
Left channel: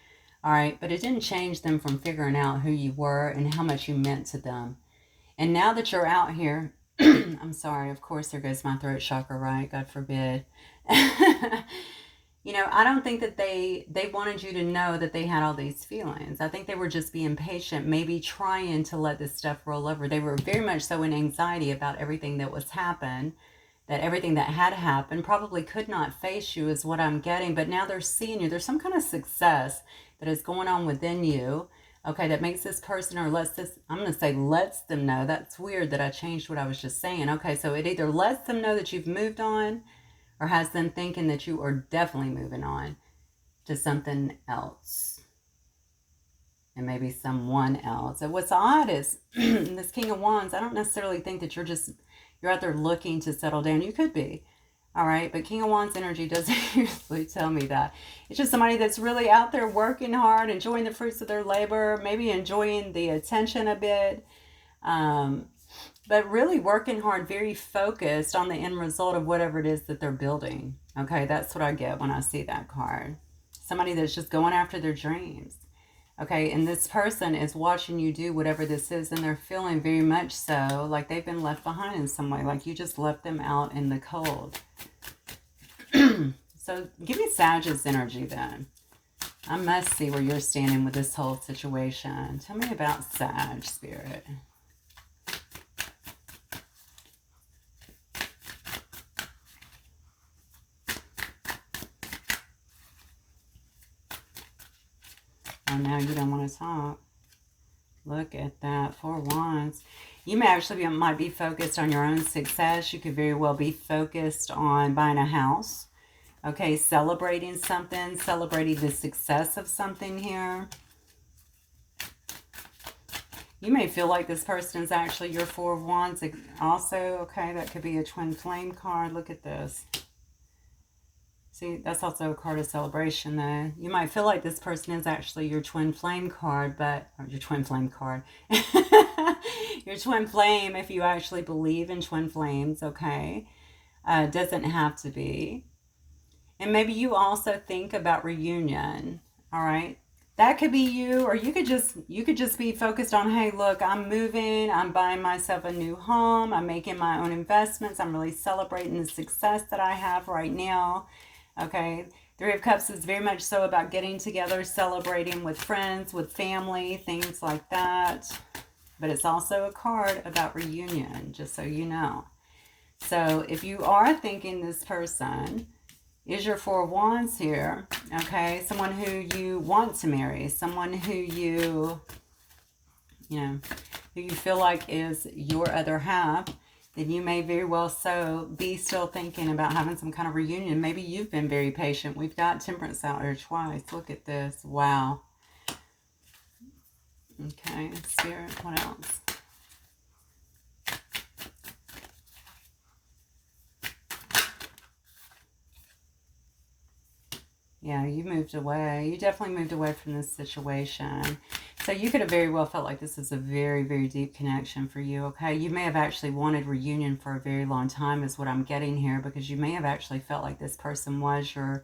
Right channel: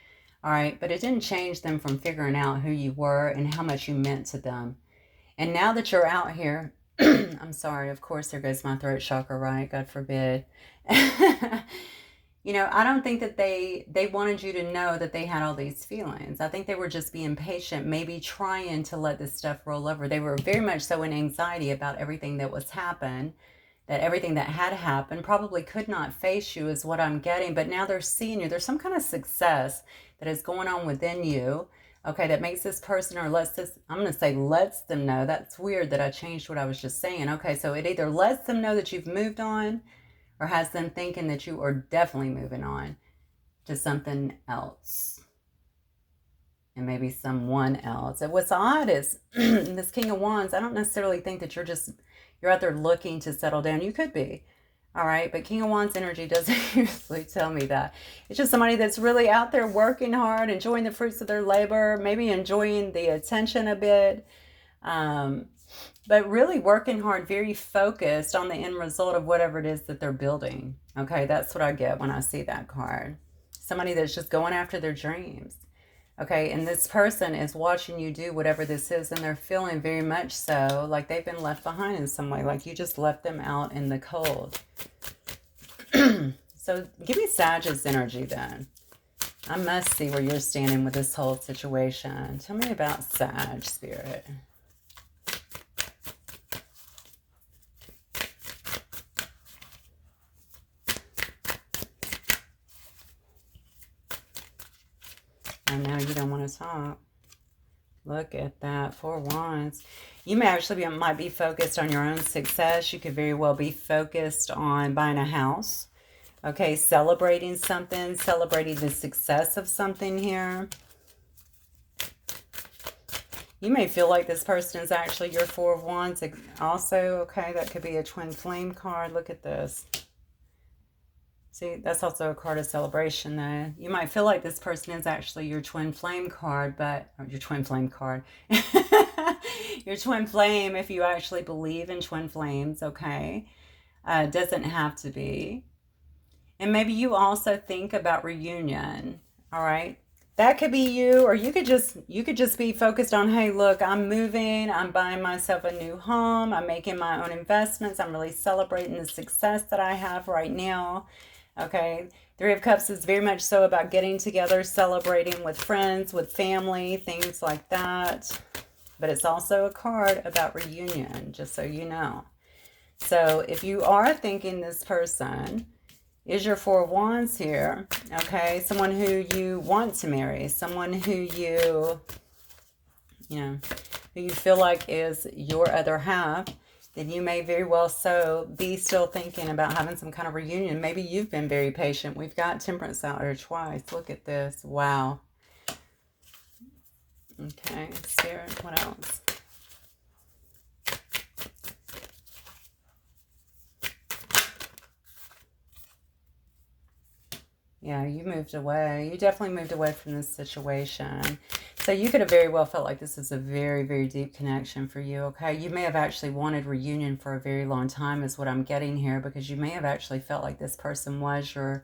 All right, but it didn't change them from figuring out who you were and how much you meant to them. And now that you're out here, I'm sorry, of course, there goes my throat chakra, right? God forbid. I don't think that they wanted you to know that they had all these feelings. I think they were just being patient, maybe trying to let this stuff roll over. They were very much so in anxiety about everything that was happened, that everything that had happened probably could not face you is what I'm getting. But now they're seeing you. There's some kind of success that is going on within you, okay, that makes this person, or lets them know. That's weird that I changed what I was just saying. Okay, so it either lets them know that you've moved on, or has them thinking that you are definitely moving on to something else. And maybe someone else. And what's odd is, this King of Wands, I don't necessarily think that you're out there looking to settle down. You could be. All right, but King of Wands energy doesn't usually tell me that. It's just somebody that's really out there working hard, enjoying the fruits of their labor, maybe enjoying the attention a bit, but really working hard, very focused on the end result of whatever it is that they're building. Okay, that's what I get when I see that card. Somebody that's just going after their dreams. Okay, and this person is watching you do whatever this is, and they're feeling very much so like they've been left behind in some way, like you just left them out in the cold. So give me Sag's energy then. I must see where you're standing with this whole situation. Tell me about Sag, Spirit. And now you don't want to talk. Look at that, 4 Wands. You may actually might be focused on your own success. You could very well be focused on buying a house. Okay, celebrating something, celebrating the success of something here. You may feel like this person is actually your 4 of Wands also. Okay, that could be a twin flame card. Look at this. See, that's also a card of celebration, though. You might feel like this person is actually your twin flame card, but... Or your twin flame card. Your twin flame, if you actually believe in twin flames, okay? Doesn't have to be. And maybe you also think about reunion, all right? That could be you, or you could just be focused on, hey, look, I'm moving, I'm buying myself a new home, I'm making my own investments, I'm really celebrating the success that I have right now. Okay, 3 of Cups is very much so about getting together, celebrating with friends, with family, things like that. But it's also a card about reunion, just so you know. So if you are thinking this person is your 4 of Wands here, okay, someone who you want to marry, someone who you feel like is your other half, then you may very well so be still thinking about having some kind of reunion. Maybe you've been very patient. We've got Temperance out here twice. Look at this. Wow. Okay, Spirit, what else? Yeah, you moved away. You definitely moved away from this situation. So you could have very well felt like this is a very, very deep connection for you, okay? You may have actually wanted reunion for a very long time is what I'm getting here, because you may have actually felt like this person was your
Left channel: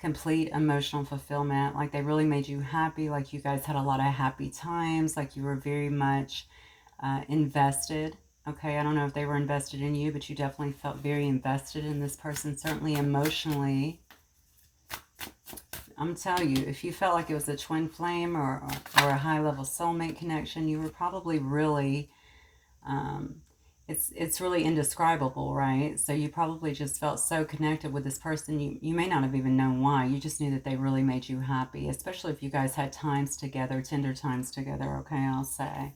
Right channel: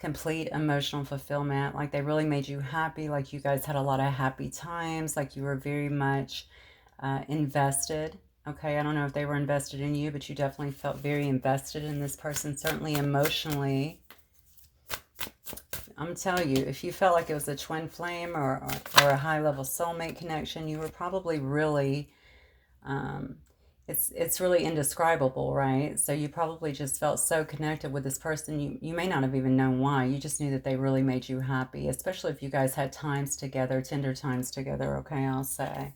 complete emotional fulfillment, like they really made you happy, like you guys had a lot of happy times, like you were very much invested, Okay, I don't know if they were invested in you, but you definitely felt very invested in this person, certainly emotionally. I'm telling you, if you felt like it was a twin flame or a high-level soulmate connection, you were probably really, it's really indescribable, right? So you probably just felt so connected with this person. You may not have even known why. You just knew that they really made you happy, especially if you guys had times together, tender times together, okay, I'll say.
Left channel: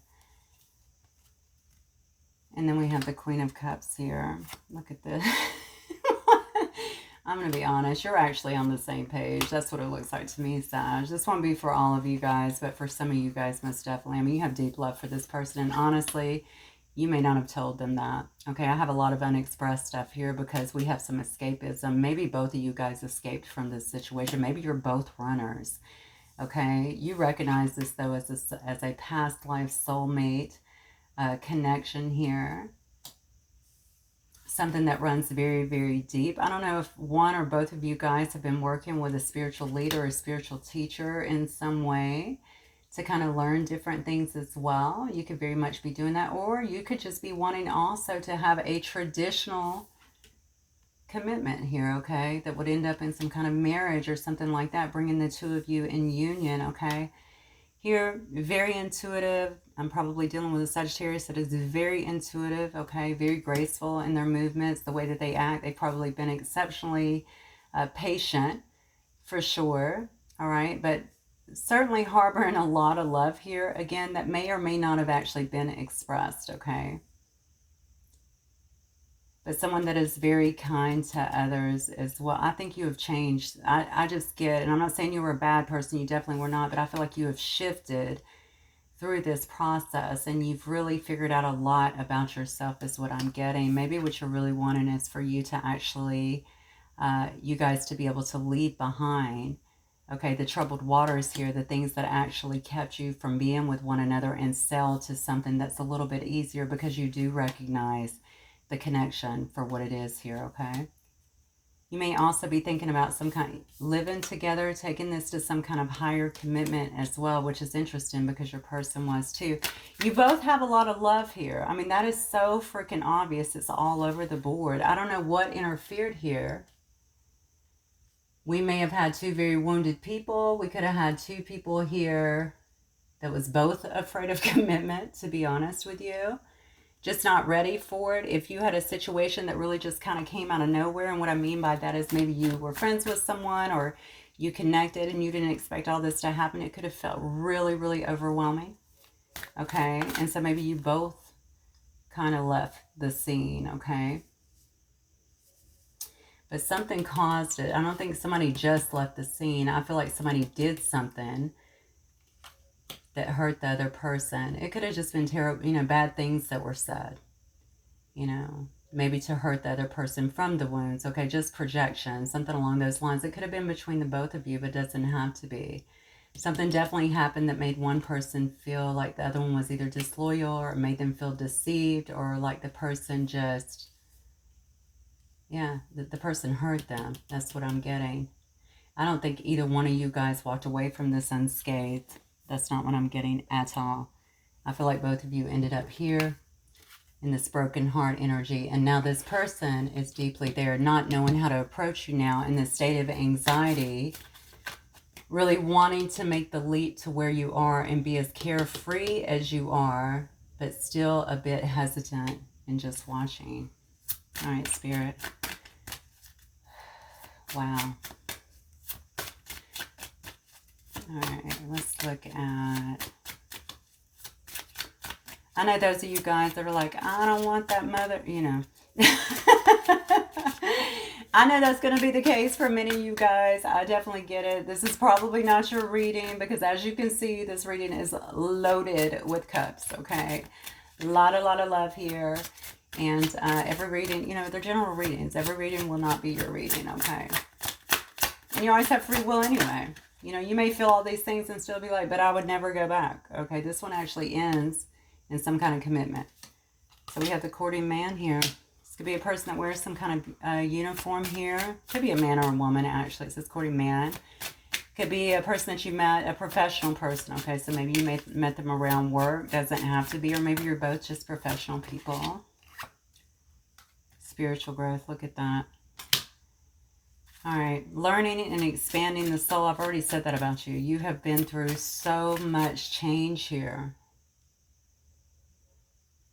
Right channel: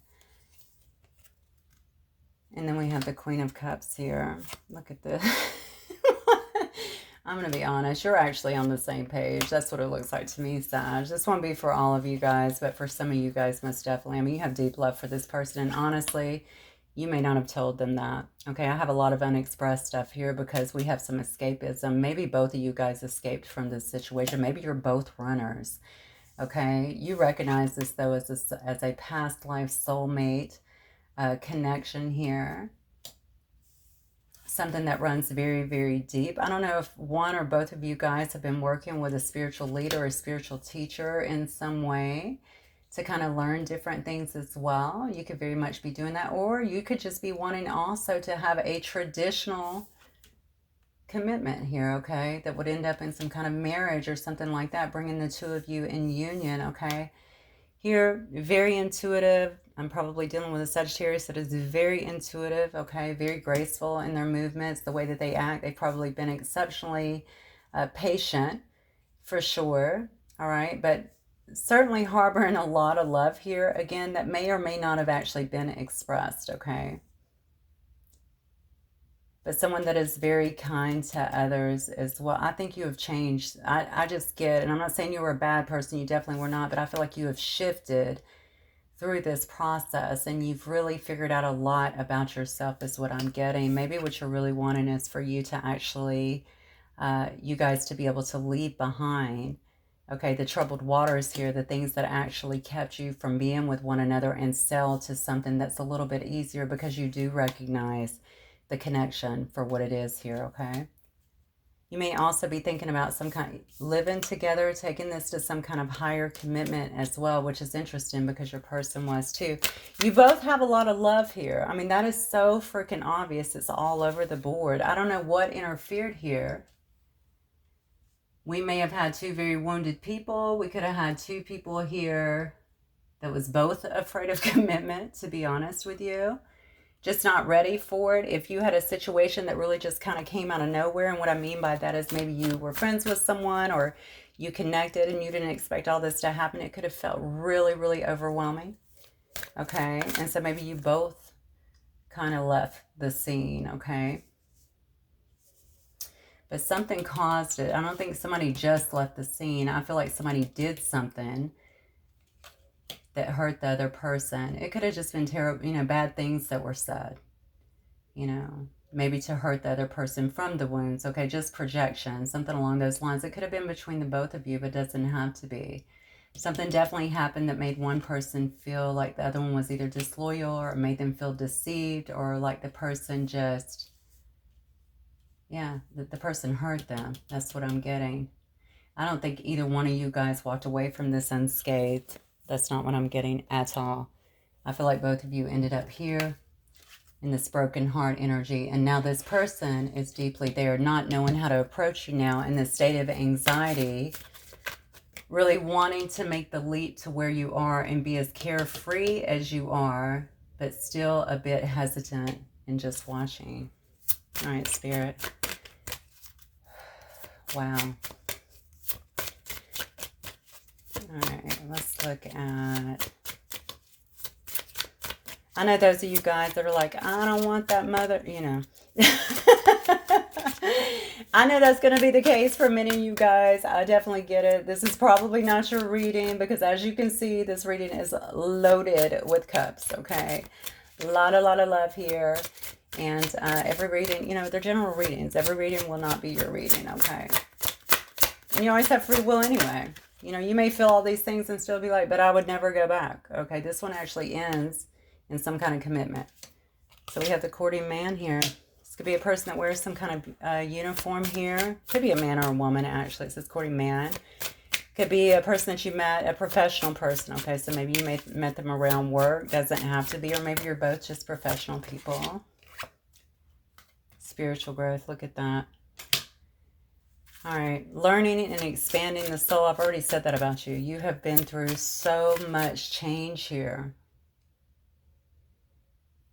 And then we have the Queen of Cups here. Look at this. I'm going to be honest. You're actually on the same page. That's what it looks like to me, Sag. This won't be for all of you guys, but for some of you guys, most definitely. I mean, you have deep love for this person. And honestly, you may not have told them that. Okay, I have a lot of unexpressed stuff here because we have some escapism. Maybe both of you guys escaped from this situation. Maybe you're both runners. Okay, you recognize this, though, as a past life soulmate connection here. Something that runs very, very deep. I don't know if one or both of you guys have been working with a spiritual leader or a spiritual teacher in some way to kind of learn different things as well. You could very much be doing that, or you could just be wanting also to have a traditional commitment here, okay, that would end up in some kind of marriage or something like that, bringing the two of you in union, okay. Here, very intuitive. I'm probably dealing with a Sagittarius that is very intuitive, okay, very graceful in their movements, the way that they act. They've probably been exceptionally patient, for sure, all right, but certainly harboring a lot of love here, again, that may or may not have actually been expressed, okay. But someone that is very kind to others as well. I think you have changed. I just get, and I'm not saying you were a bad person, you definitely were not, but I feel like you have shifted through this process and you've really figured out a lot about yourself is what I'm getting. Maybe what you're really wanting is for you to actually, you guys to be able to leave behind, okay, the troubled waters here, the things that actually kept you from being with one another, and sail to something that's a little bit easier because you do recognize the connection for what it is here, okay? You may also be thinking about some kind of living together, taking this to some kind of higher commitment as well, which is interesting because your person was too. You both have a lot of love here. I mean, that is so freaking obvious. It's all over the board. I don't know what interfered here. We may have had two very wounded people. We could have had two people here that was both afraid of commitment, to be honest with you. Just not ready for it. If you had a situation that really just kind of came out of nowhere, and what I mean by that is maybe you were friends with someone or you connected and you didn't expect all this to happen, it could have felt really, really overwhelming. Okay, and so maybe you both kind of left the scene, okay? But something caused it. I don't think somebody just left the scene. I feel like somebody did something that hurt the other person. It could have just been terrible, you know, bad things that were said, you know, maybe to hurt the other person from the wounds, okay, just projection, something along those lines. It could have been between the both of you, but it doesn't have to be. Something definitely happened that made one person feel like the other one was either disloyal or made them feel deceived, or like the person just, yeah, the person hurt them. That's what I'm getting. I don't think either one of you guys walked away from this unscathed. That's not what I'm getting at all. I feel like both of you ended up here in this broken heart energy. And now this person is deeply there, not knowing how to approach you now in this state of anxiety, really wanting to make the leap to where you are and be as carefree as you are, but still a bit hesitant and just watching. All right, Spirit. Wow. All right, let's look at... I know those of you guys that are like, I don't want that mother, you know. I know that's going to be the case for many of you guys. I definitely get it. This is probably not your reading because, as you can see, this reading is loaded with cups, okay? A lot of love here. And every reading, you know, they're general readings. Every reading will not be your reading, okay? And you always have free will anyway. You know, you may feel all these things and still be like, but I would never go back. Okay, this one actually ends in some kind of commitment. So we have the courting man here. This could be a person that wears some kind of uniform here. Could be a man or a woman, actually. It says courting man. Could be a person that you met, a professional person. Okay, so maybe you met them around work. Doesn't have to be. Or maybe you're both just professional people. Spiritual growth. Look at that. All right. Learning and expanding the soul. I've already said that about you. You have been through so much change here.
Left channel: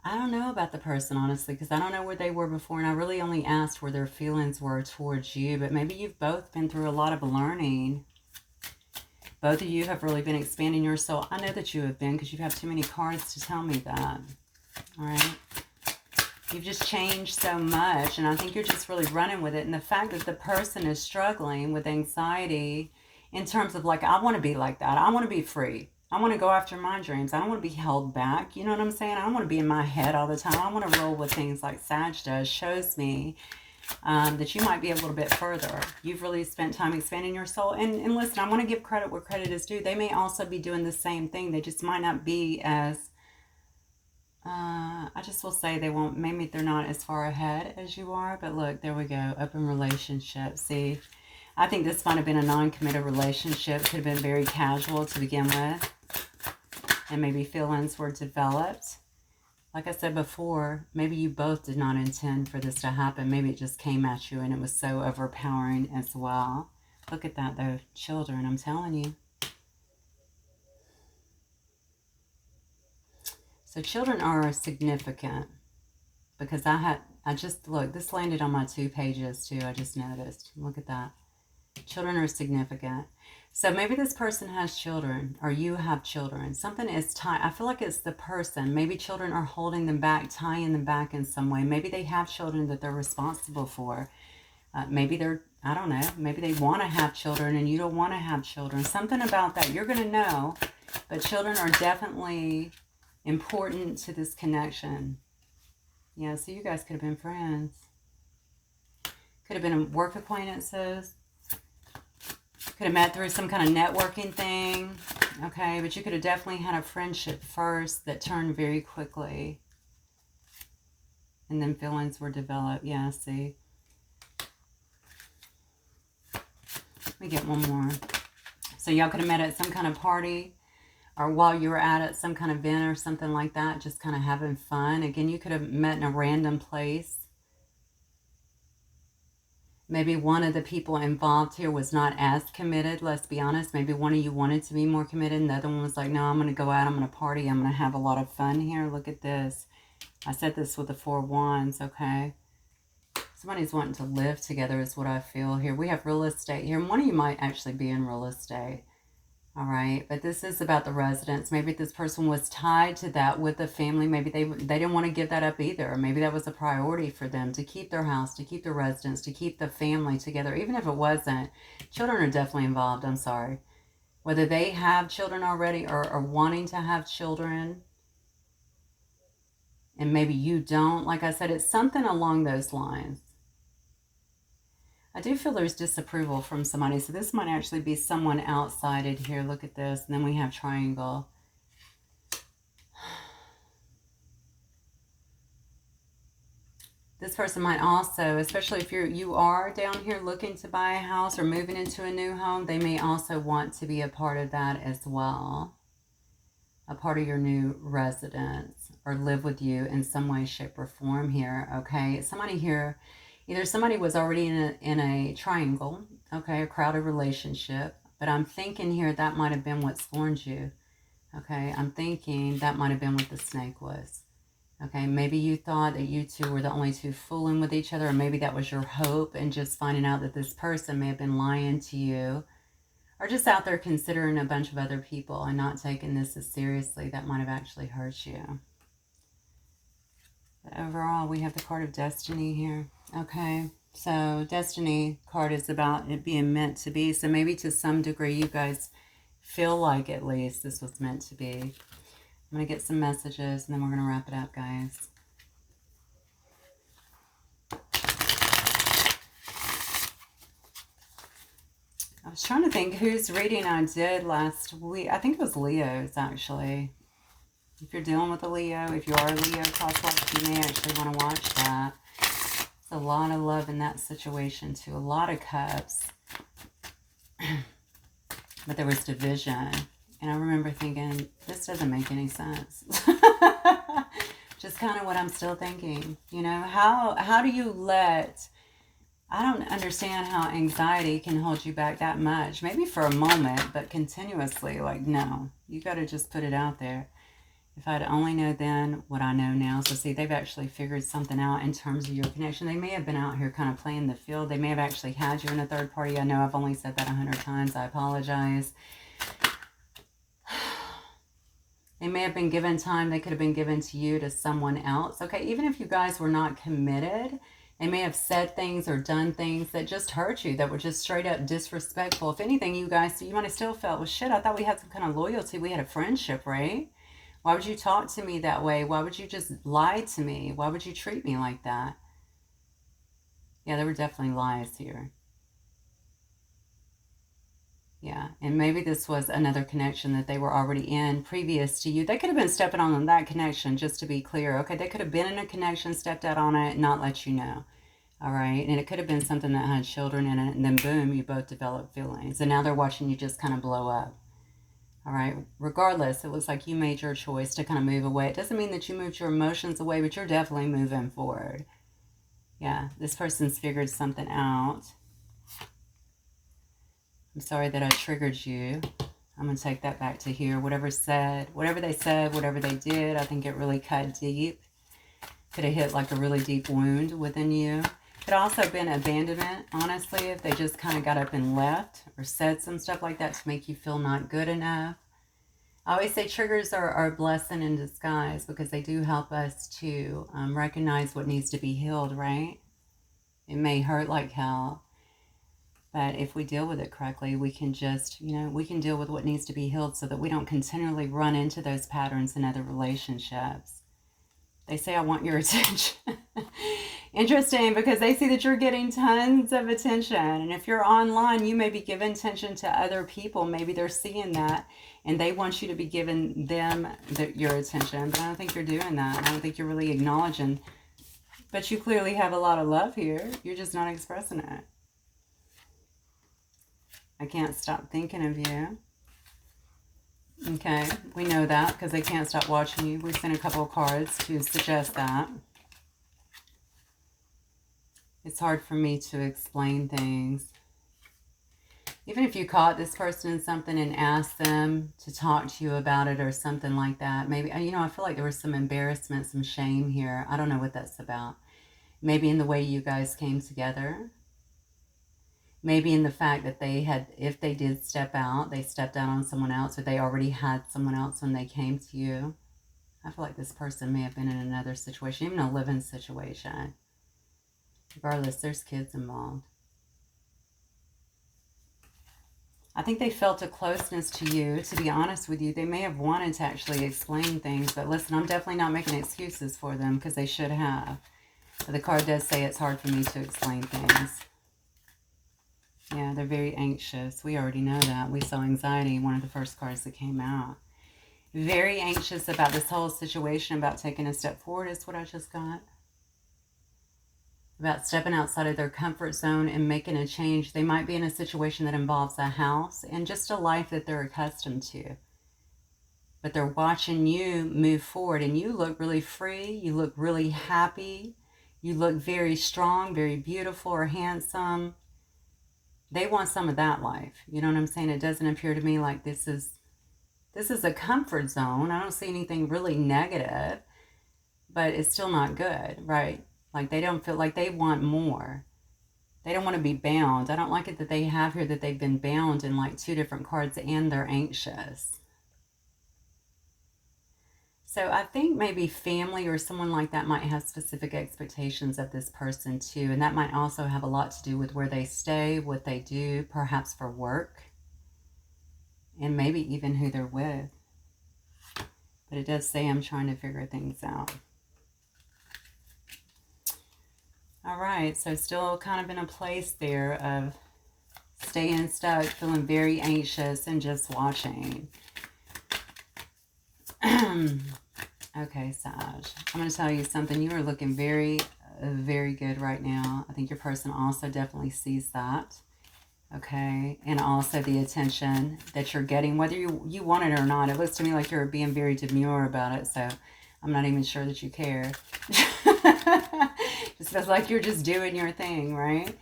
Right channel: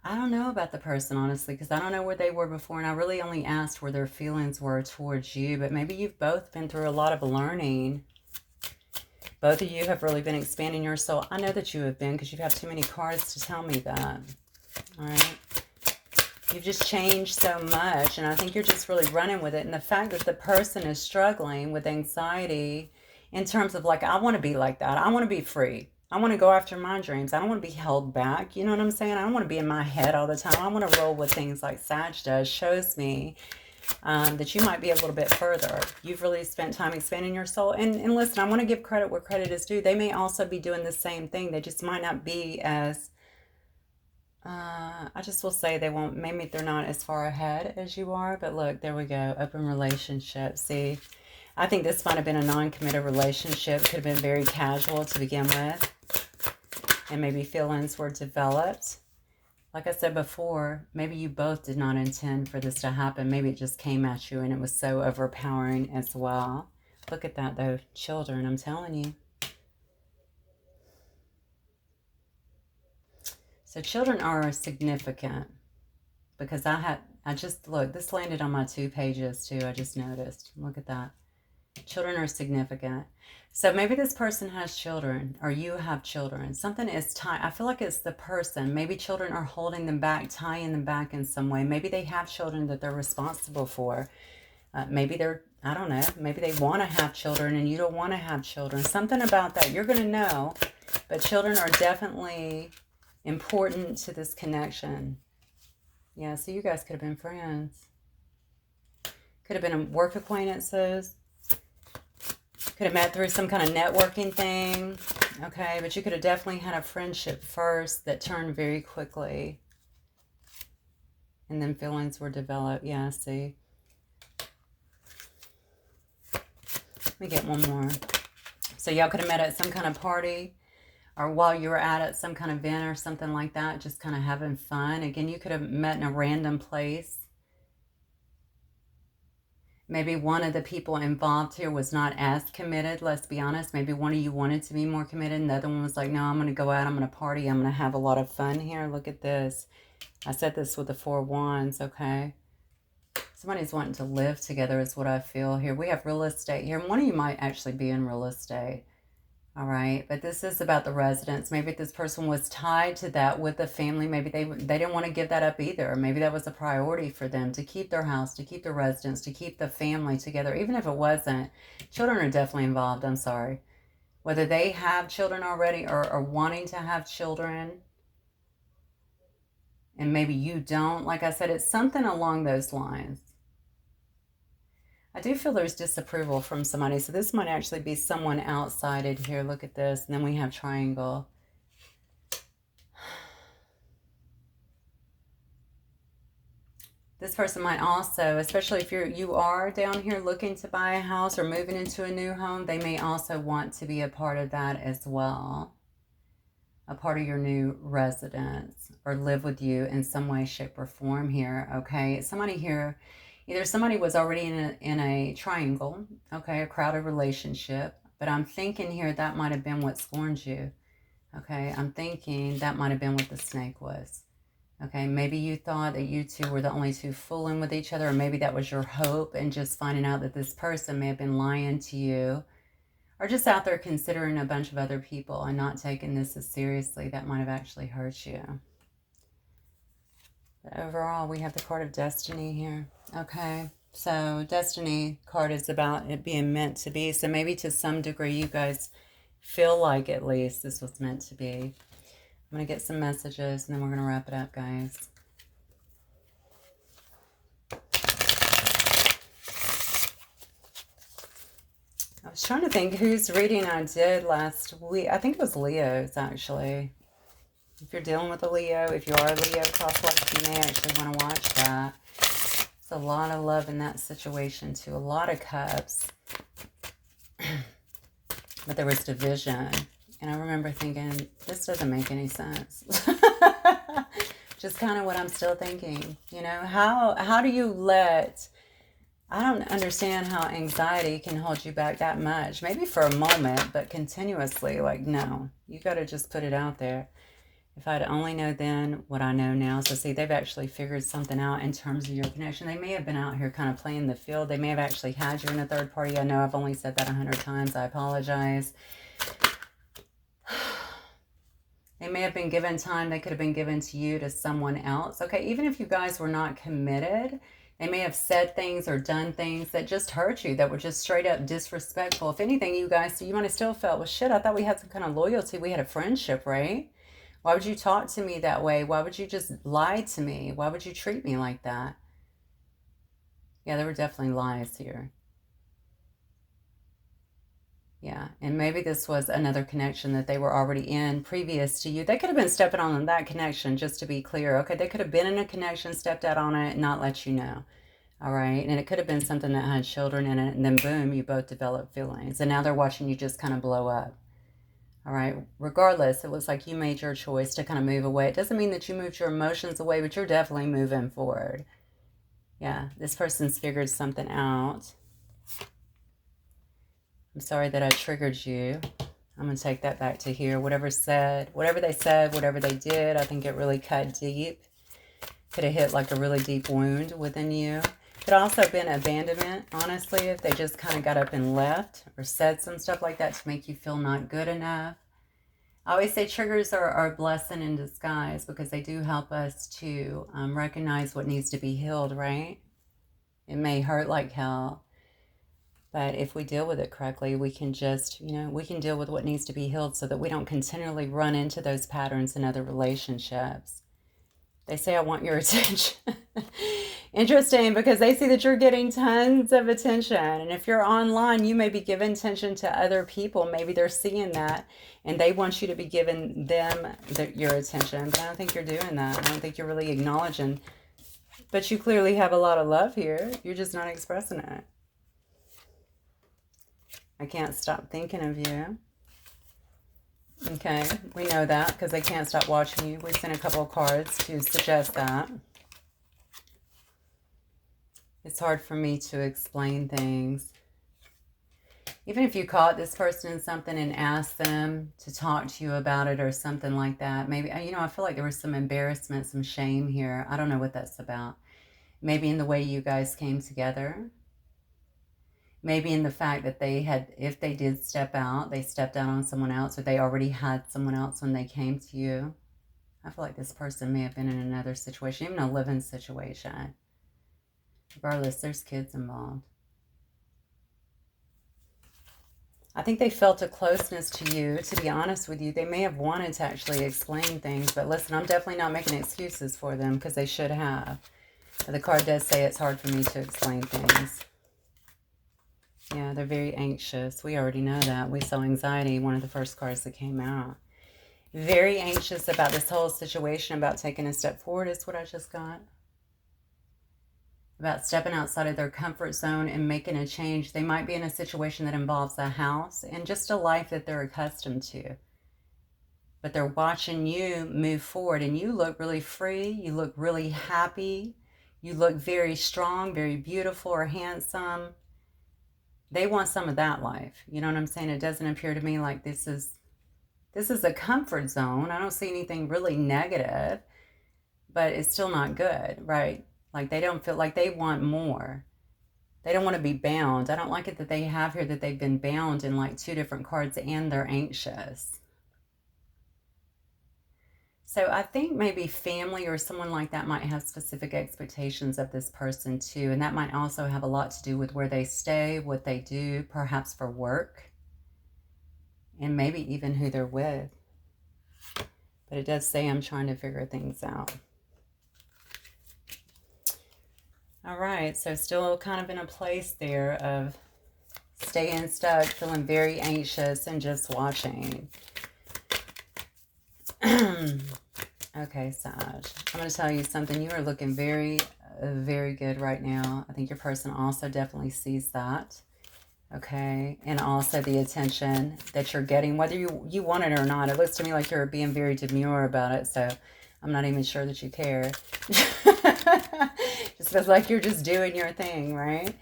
I don't know about the person, honestly, because I don't know where they were before, and I really only asked where their feelings were towards you, but maybe you've both been through a lot of learning. Both of you have really been expanding your soul. I know that you have been, because you've had too many cards to tell me that. All right? You've just changed so much, and I think you're just really running with it, and the fact that the person is struggling with anxiety in terms of, like, I want to be like that. I want to be free. I want to go after my dreams. I don't want to be held back. You know what I'm saying? I don't want to be in my head all the time. I want to roll with things like Sag does. Shows me that you might be a little bit further. You've really spent time expanding your soul. And listen, I want to give credit where credit is due. They may also be doing the same thing. They just might not be as, I just will say they won't, maybe they're not as far ahead as you are. But look, there we go. Open relationship. See, I think this might have been a non-committed relationship. Could have been very casual to begin with. And maybe feelings were developed. Like I said before, maybe you both did not intend for this to happen. Maybe it just came at you and it was so overpowering as well. Look at that though, children, I'm telling you. So children are significant because look, this landed on my 2 pages too, I just noticed. Look at that. Children are significant. So maybe this person has children or you have children. Something is tied. I feel like it's the person. Maybe children are holding them back, tying them back in some way. Maybe they have children that they're responsible for. Maybe they're, I don't know, maybe they want to have children and you don't want to have children. Something about that. You're going to know. But children are definitely important to this connection. Yeah, so you guys could have been friends. Could have been work acquaintances. Could have met through some kind of networking thing, okay? But you could have definitely had a friendship first that turned very quickly. And then feelings were developed. Yeah, see? Let me get one more. So y'all could have met at some kind of party or while you were at some kind of event or something like that, just kind of having fun. Again, you could have met in a random place. Maybe one of the people involved here was not as committed, let's be honest. Maybe one of you wanted to be more committed and the other one was like, no, I'm going to go out, I'm going to party, I'm going to have a lot of fun here. Look at this. I said this with the 4 wands, okay? Somebody's wanting to live together is what I feel here. We have real estate here. One of you might actually be in real estate. All right, but this is about the residence. Maybe this person was tied to that with the family. Maybe they didn't want to give that up either. Maybe that was a priority for them to keep their house, to keep the residence, to keep the family together. Even if it wasn't, children are definitely involved. I'm sorry. Whether they have children already or are wanting to have children, and maybe you don't. Like I said, it's something along those lines. I do feel there's disapproval from somebody. So this might actually be someone outside it here. Look at this. And then we have triangle. This person might also, especially if you are down here looking to buy a house or moving into a new home, they may also want to be a part of that as well. A part of your new residence or live with you in some way, shape, or form here. Okay, somebody here. Either somebody was already in a triangle, okay, a crowded relationship, but I'm thinking here that might have been what scorned you, okay? I'm thinking that might have been what the snake was, okay? Maybe you thought that you two were the only two fooling with each other, or maybe that was your hope and just finding out that this person may have been lying to you or just out there considering a bunch of other people and not taking this as seriously. That might have actually hurt you. But overall, we have the card of destiny here. Okay, so destiny card is about it being meant to be. So maybe to some degree, you guys feel like at least this was meant to be. I'm going to get some messages and then we're going to wrap it up, guys. I was trying to think whose reading I did last week. I think it was Leo's, actually. If you're dealing with a Leo, if you are a Leo crosswalk, you may actually want to watch that. It's a lot of love in that situation too. A lot of cups. but there was division. And I remember thinking, this doesn't make any sense. Just kind of what I'm still thinking. You know, how do you let... I don't understand how anxiety can hold you back that much. Maybe for a moment, but continuously, like, no. You got to just put it out there. If I'd only know then what I know now. So see, they've actually figured something out in terms of your connection. They may have been out here kind of playing the field. They may have actually had you in a third party. I know I've only said that 100 times. I apologize. They may have been given time. They could have been given to you, to someone else. Okay, even if you guys were not committed, they may have said things or done things that just hurt you, that were just straight up disrespectful. If anything, you guys, you might have still felt, well, shit, I thought we had some kind of loyalty. We had a friendship, right? Why would you talk to me that way? Why would you just lie to me? Why would you treat me like that? Yeah, there were definitely lies here. Yeah, and maybe this was another connection that they were already in previous to you. They could have been stepping on that connection, just to be clear. Okay, they could have been in a connection, stepped out on it, and not let you know. All right, and it could have been something that had children in it, and then boom, you both developed feelings. And now they're watching you just kind of blow up. All right, regardless, it looks like you made your choice to kind of move away. It doesn't mean that you moved your emotions away, but you're definitely moving forward. Yeah, this person's figured something out. I'm sorry that I triggered you. I'm going to take that back to here. Whatever they said, whatever they did, I think it really cut deep. Could have hit like a really deep wound within you. Could also have been abandonment, honestly, if they just kind of got up and left or said some stuff like that to make you feel not good enough. I always say triggers are a blessing in disguise because they do help us to recognize what needs to be healed, right? It may hurt like hell, but if we deal with it correctly, we can just, we can deal with what needs to be healed so that we don't continually run into those patterns in other relationships. They say, I want your attention. Interesting, because they see that you're getting tons of attention. And if you're online, you may be giving attention to other people. Maybe they're seeing that and they want you to be giving them your attention. But I don't think you're doing that. I don't think you're really acknowledging. But you clearly have a lot of love here. You're just not expressing it. I can't stop thinking of you. Okay, we know that because they can't stop watching you. We sent a couple of cards to suggest that. It's hard for me to explain things. Even if you caught this person in something and asked them to talk to you about it or something like that, maybe, I feel like there was some embarrassment, some shame here. I don't know what that's about. Maybe in the way you guys came together. Maybe in the fact that if they did step out, they stepped out on someone else, or they already had someone else when they came to you. I feel like this person may have been in another situation, even a living situation. Regardless, there's kids involved. I think they felt a closeness to you, to be honest with you. They may have wanted to actually explain things, but listen, I'm definitely not making excuses for them because they should have. But the card does say it's hard for me to explain things. Yeah, they're very anxious. We already know that. We saw anxiety, one of the first cards that came out. Very anxious about this whole situation, about taking a step forward is what I just got. About stepping outside of their comfort zone and making a change. They might be in a situation that involves a house and just a life that they're accustomed to. But they're watching you move forward, and you look really free. You look really happy. You look very strong, very beautiful or handsome. They want some of that life. You know what I'm saying? It doesn't appear to me like this is a comfort zone. I don't see anything really negative, but it's still not good, right? Like they don't feel like they want more. They don't want to be bound. I don't like it that they have here that they've been bound in like 2 different cards and they're anxious. So I think maybe family or someone like that might have specific expectations of this person too. And that might also have a lot to do with where they stay, what they do, perhaps for work, and maybe even who they're with. But it does say I'm trying to figure things out. All right, so still kind of in a place there of staying stuck, feeling very anxious, and just watching. Okay, Sag, I'm going to tell you something. You are looking very, very good right now. I think your person also definitely sees that. Okay, and also the attention that you're getting, whether you want it or not. It looks to me like you're being very demure about it, so I'm not even sure that you care. Just feels like you're just doing your thing, right?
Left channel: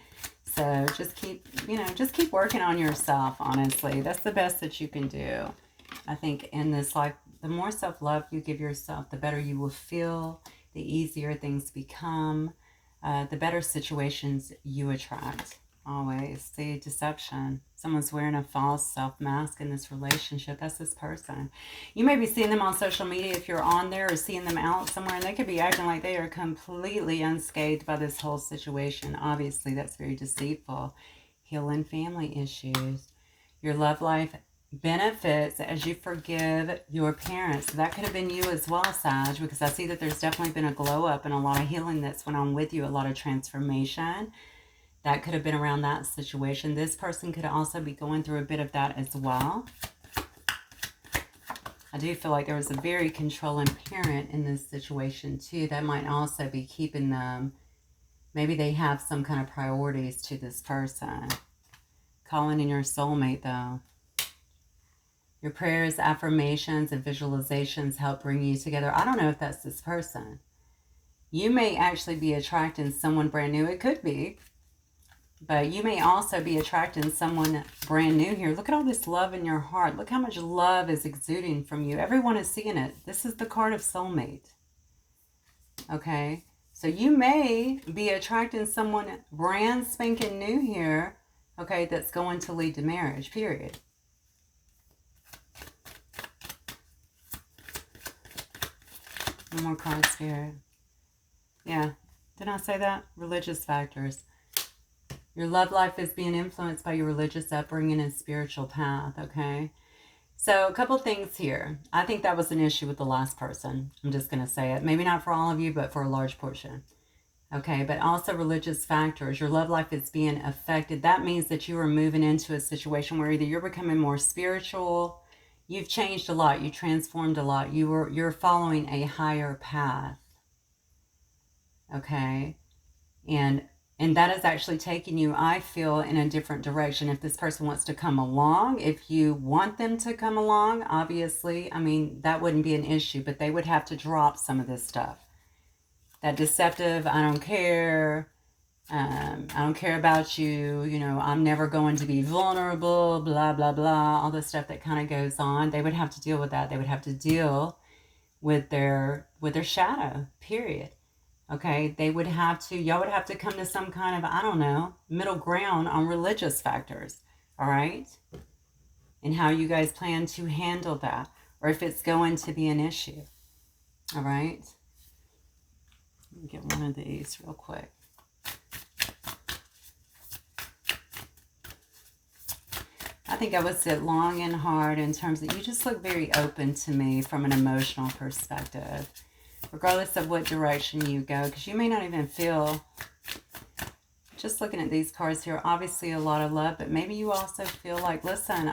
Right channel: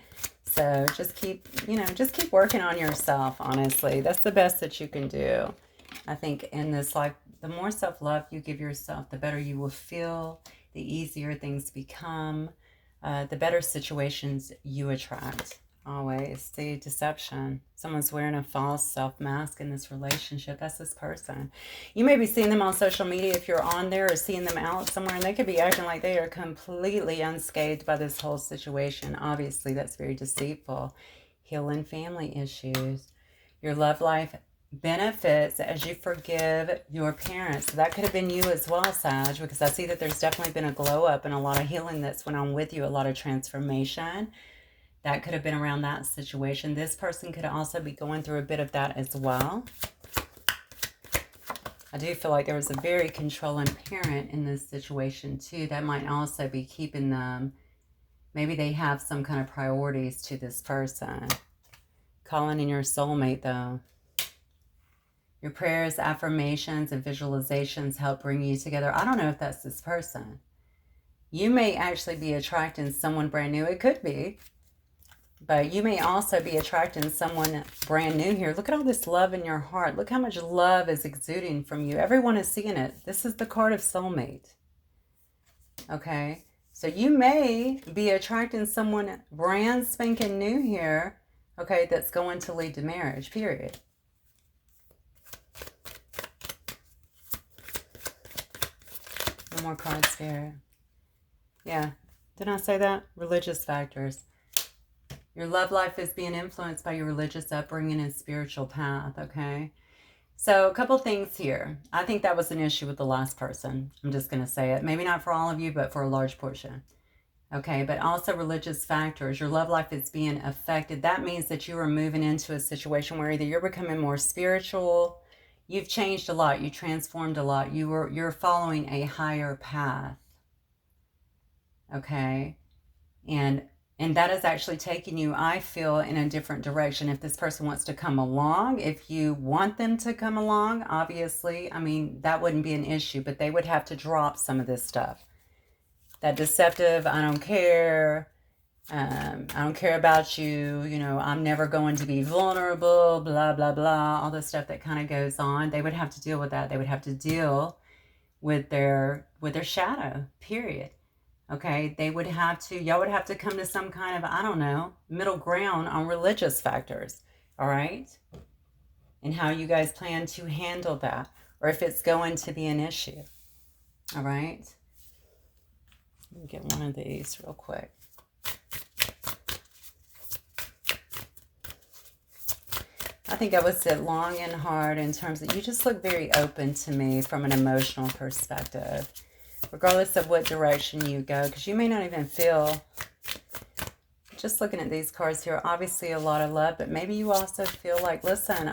So just keep, just keep working on yourself, honestly. That's the best that you can do. I think in this life, the more self-love you give yourself, the better you will feel, the easier things become, the better situations you attract. Always. See, deception. Someone's wearing a false self-mask in this relationship. That's this person. You may be seeing them on social media if you're on there, or seeing them out somewhere, and they could be acting like they are completely unscathed by this whole situation. Obviously, that's very deceitful. Healing family issues. Your love life benefits as you forgive your parents. So that could have been you as well, Sag, because I see that there's definitely been a glow up and a lot of healing that's went on with you, a lot of transformation. That could have been around that situation. This person could also be going through a bit of that as well. I do feel like there was a very controlling parent in this situation too. That might also be keeping them, maybe they have some kind of priorities to this person. Calling in your soulmate though. Your prayers, affirmations, and visualizations help bring you together. I don't know if that's this person. You may actually be attracting someone brand new. It could be. But you may also be attracting someone brand new here. Look at all this love in your heart. Look how much love is exuding from you. Everyone is seeing it. This is the card of soulmate. Okay? So you may be attracting someone brand spanking new here, okay, that's going to lead to marriage, period. One more card, Spirit. Yeah. Didn't I say that? Religious factors. Your love life is being influenced by your religious upbringing and spiritual path, okay? So a couple things here. I think that was an issue with the last person. I'm just going to say it. Maybe not for all of you, but for a large portion. Okay, but also religious factors. Your love life is being affected. That means that you are moving into a situation where either you're becoming more spiritual, you've changed a lot, you transformed a lot, you're following a higher path. Okay? And that is actually taking you, I feel, in a different direction. If this person wants to come along, if you want them to come along, obviously, I mean, that wouldn't be an issue, but they would have to drop some of this stuff. That deceptive, I don't care, I don't care about you, I'm never going to be vulnerable, blah, blah, blah, all this stuff that kind of goes on. They would have to deal with that. They would have to deal with their shadow, period. Okay, y'all would have to come to some kind of, I don't know, middle ground on religious factors, all right? And how you guys plan to handle that, or if it's going to be an issue, all right? Let me get one of these real quick. I think I would sit long and hard in terms of, you just look very open to me from an emotional perspective. Regardless of what direction you go, because you may not even feel, just looking at these cards here, obviously a lot of love, but maybe you also feel like, listen,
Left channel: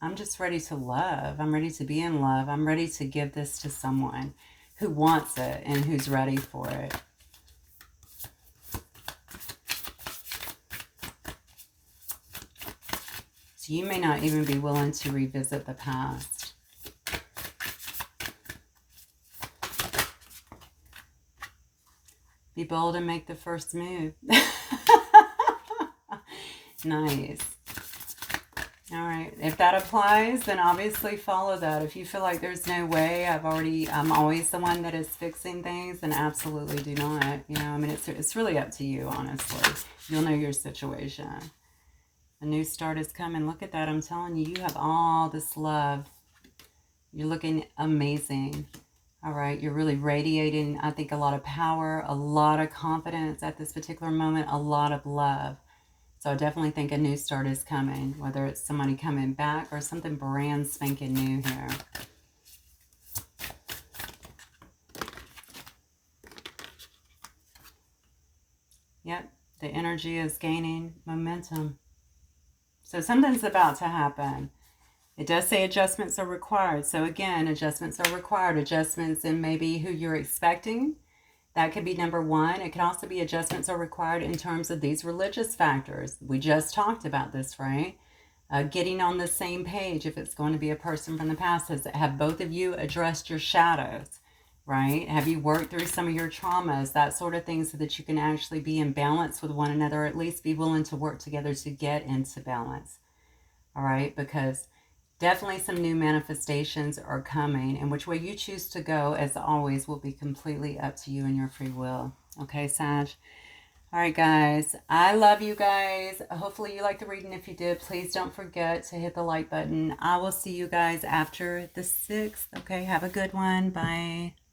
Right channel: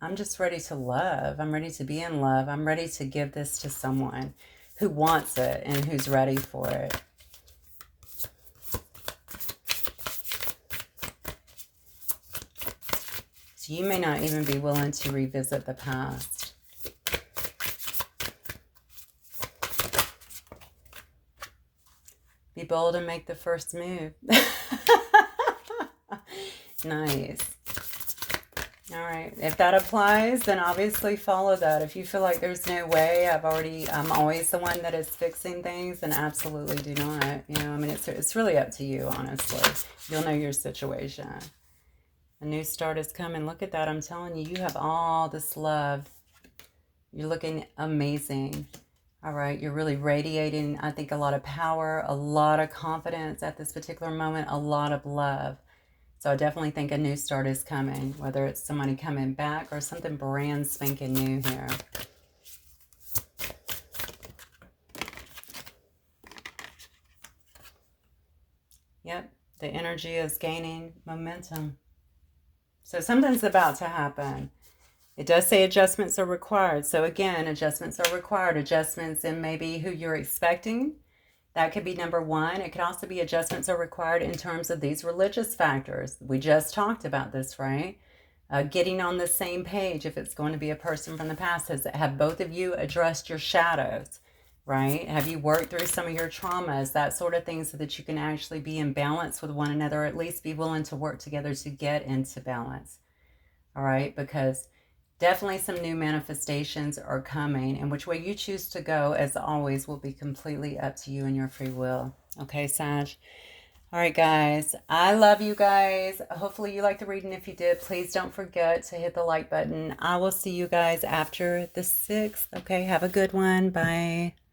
I'm just ready to love. I'm ready to be in love. I'm ready to give this to someone who wants it and who's ready for it. So you may not even be willing to revisit the past. Be bold and make the first move. Nice. All right. If that applies, then obviously follow that. If you feel like there's no way, I'm always the one that is fixing things, then absolutely do not. I mean, it's really up to you, honestly. You'll know your situation. A new start is coming. Look at that. I'm telling you, you have all this love. You're looking amazing. All right, you're really radiating, I think, a lot of power, a lot of confidence at this particular moment, a lot of love. So I definitely think a new start is coming, whether it's somebody coming back or something brand spanking new here. Yep, the energy is gaining momentum. So something's about to happen. It does say adjustments are required. So again, adjustments are required. Adjustments in maybe who you're expecting. That could be number one. It can also be adjustments are required in terms of these religious factors. We just talked about this, right? Getting on the same page if it's going to be a person from the past. Have both of you addressed your shadows, right? Have you worked through some of your traumas, that sort of thing, so that you can actually be in balance with one another, or at least be willing to work together to get into balance, all right? Because definitely some new manifestations are coming, and which way you choose to go, as always, will be completely up to you and your free will. Okay, Sag? All right, guys. I love you guys. Hopefully you liked the reading. If you did, please don't forget to hit the like button. I will see you guys after the 6th. Okay, have a good one. Bye.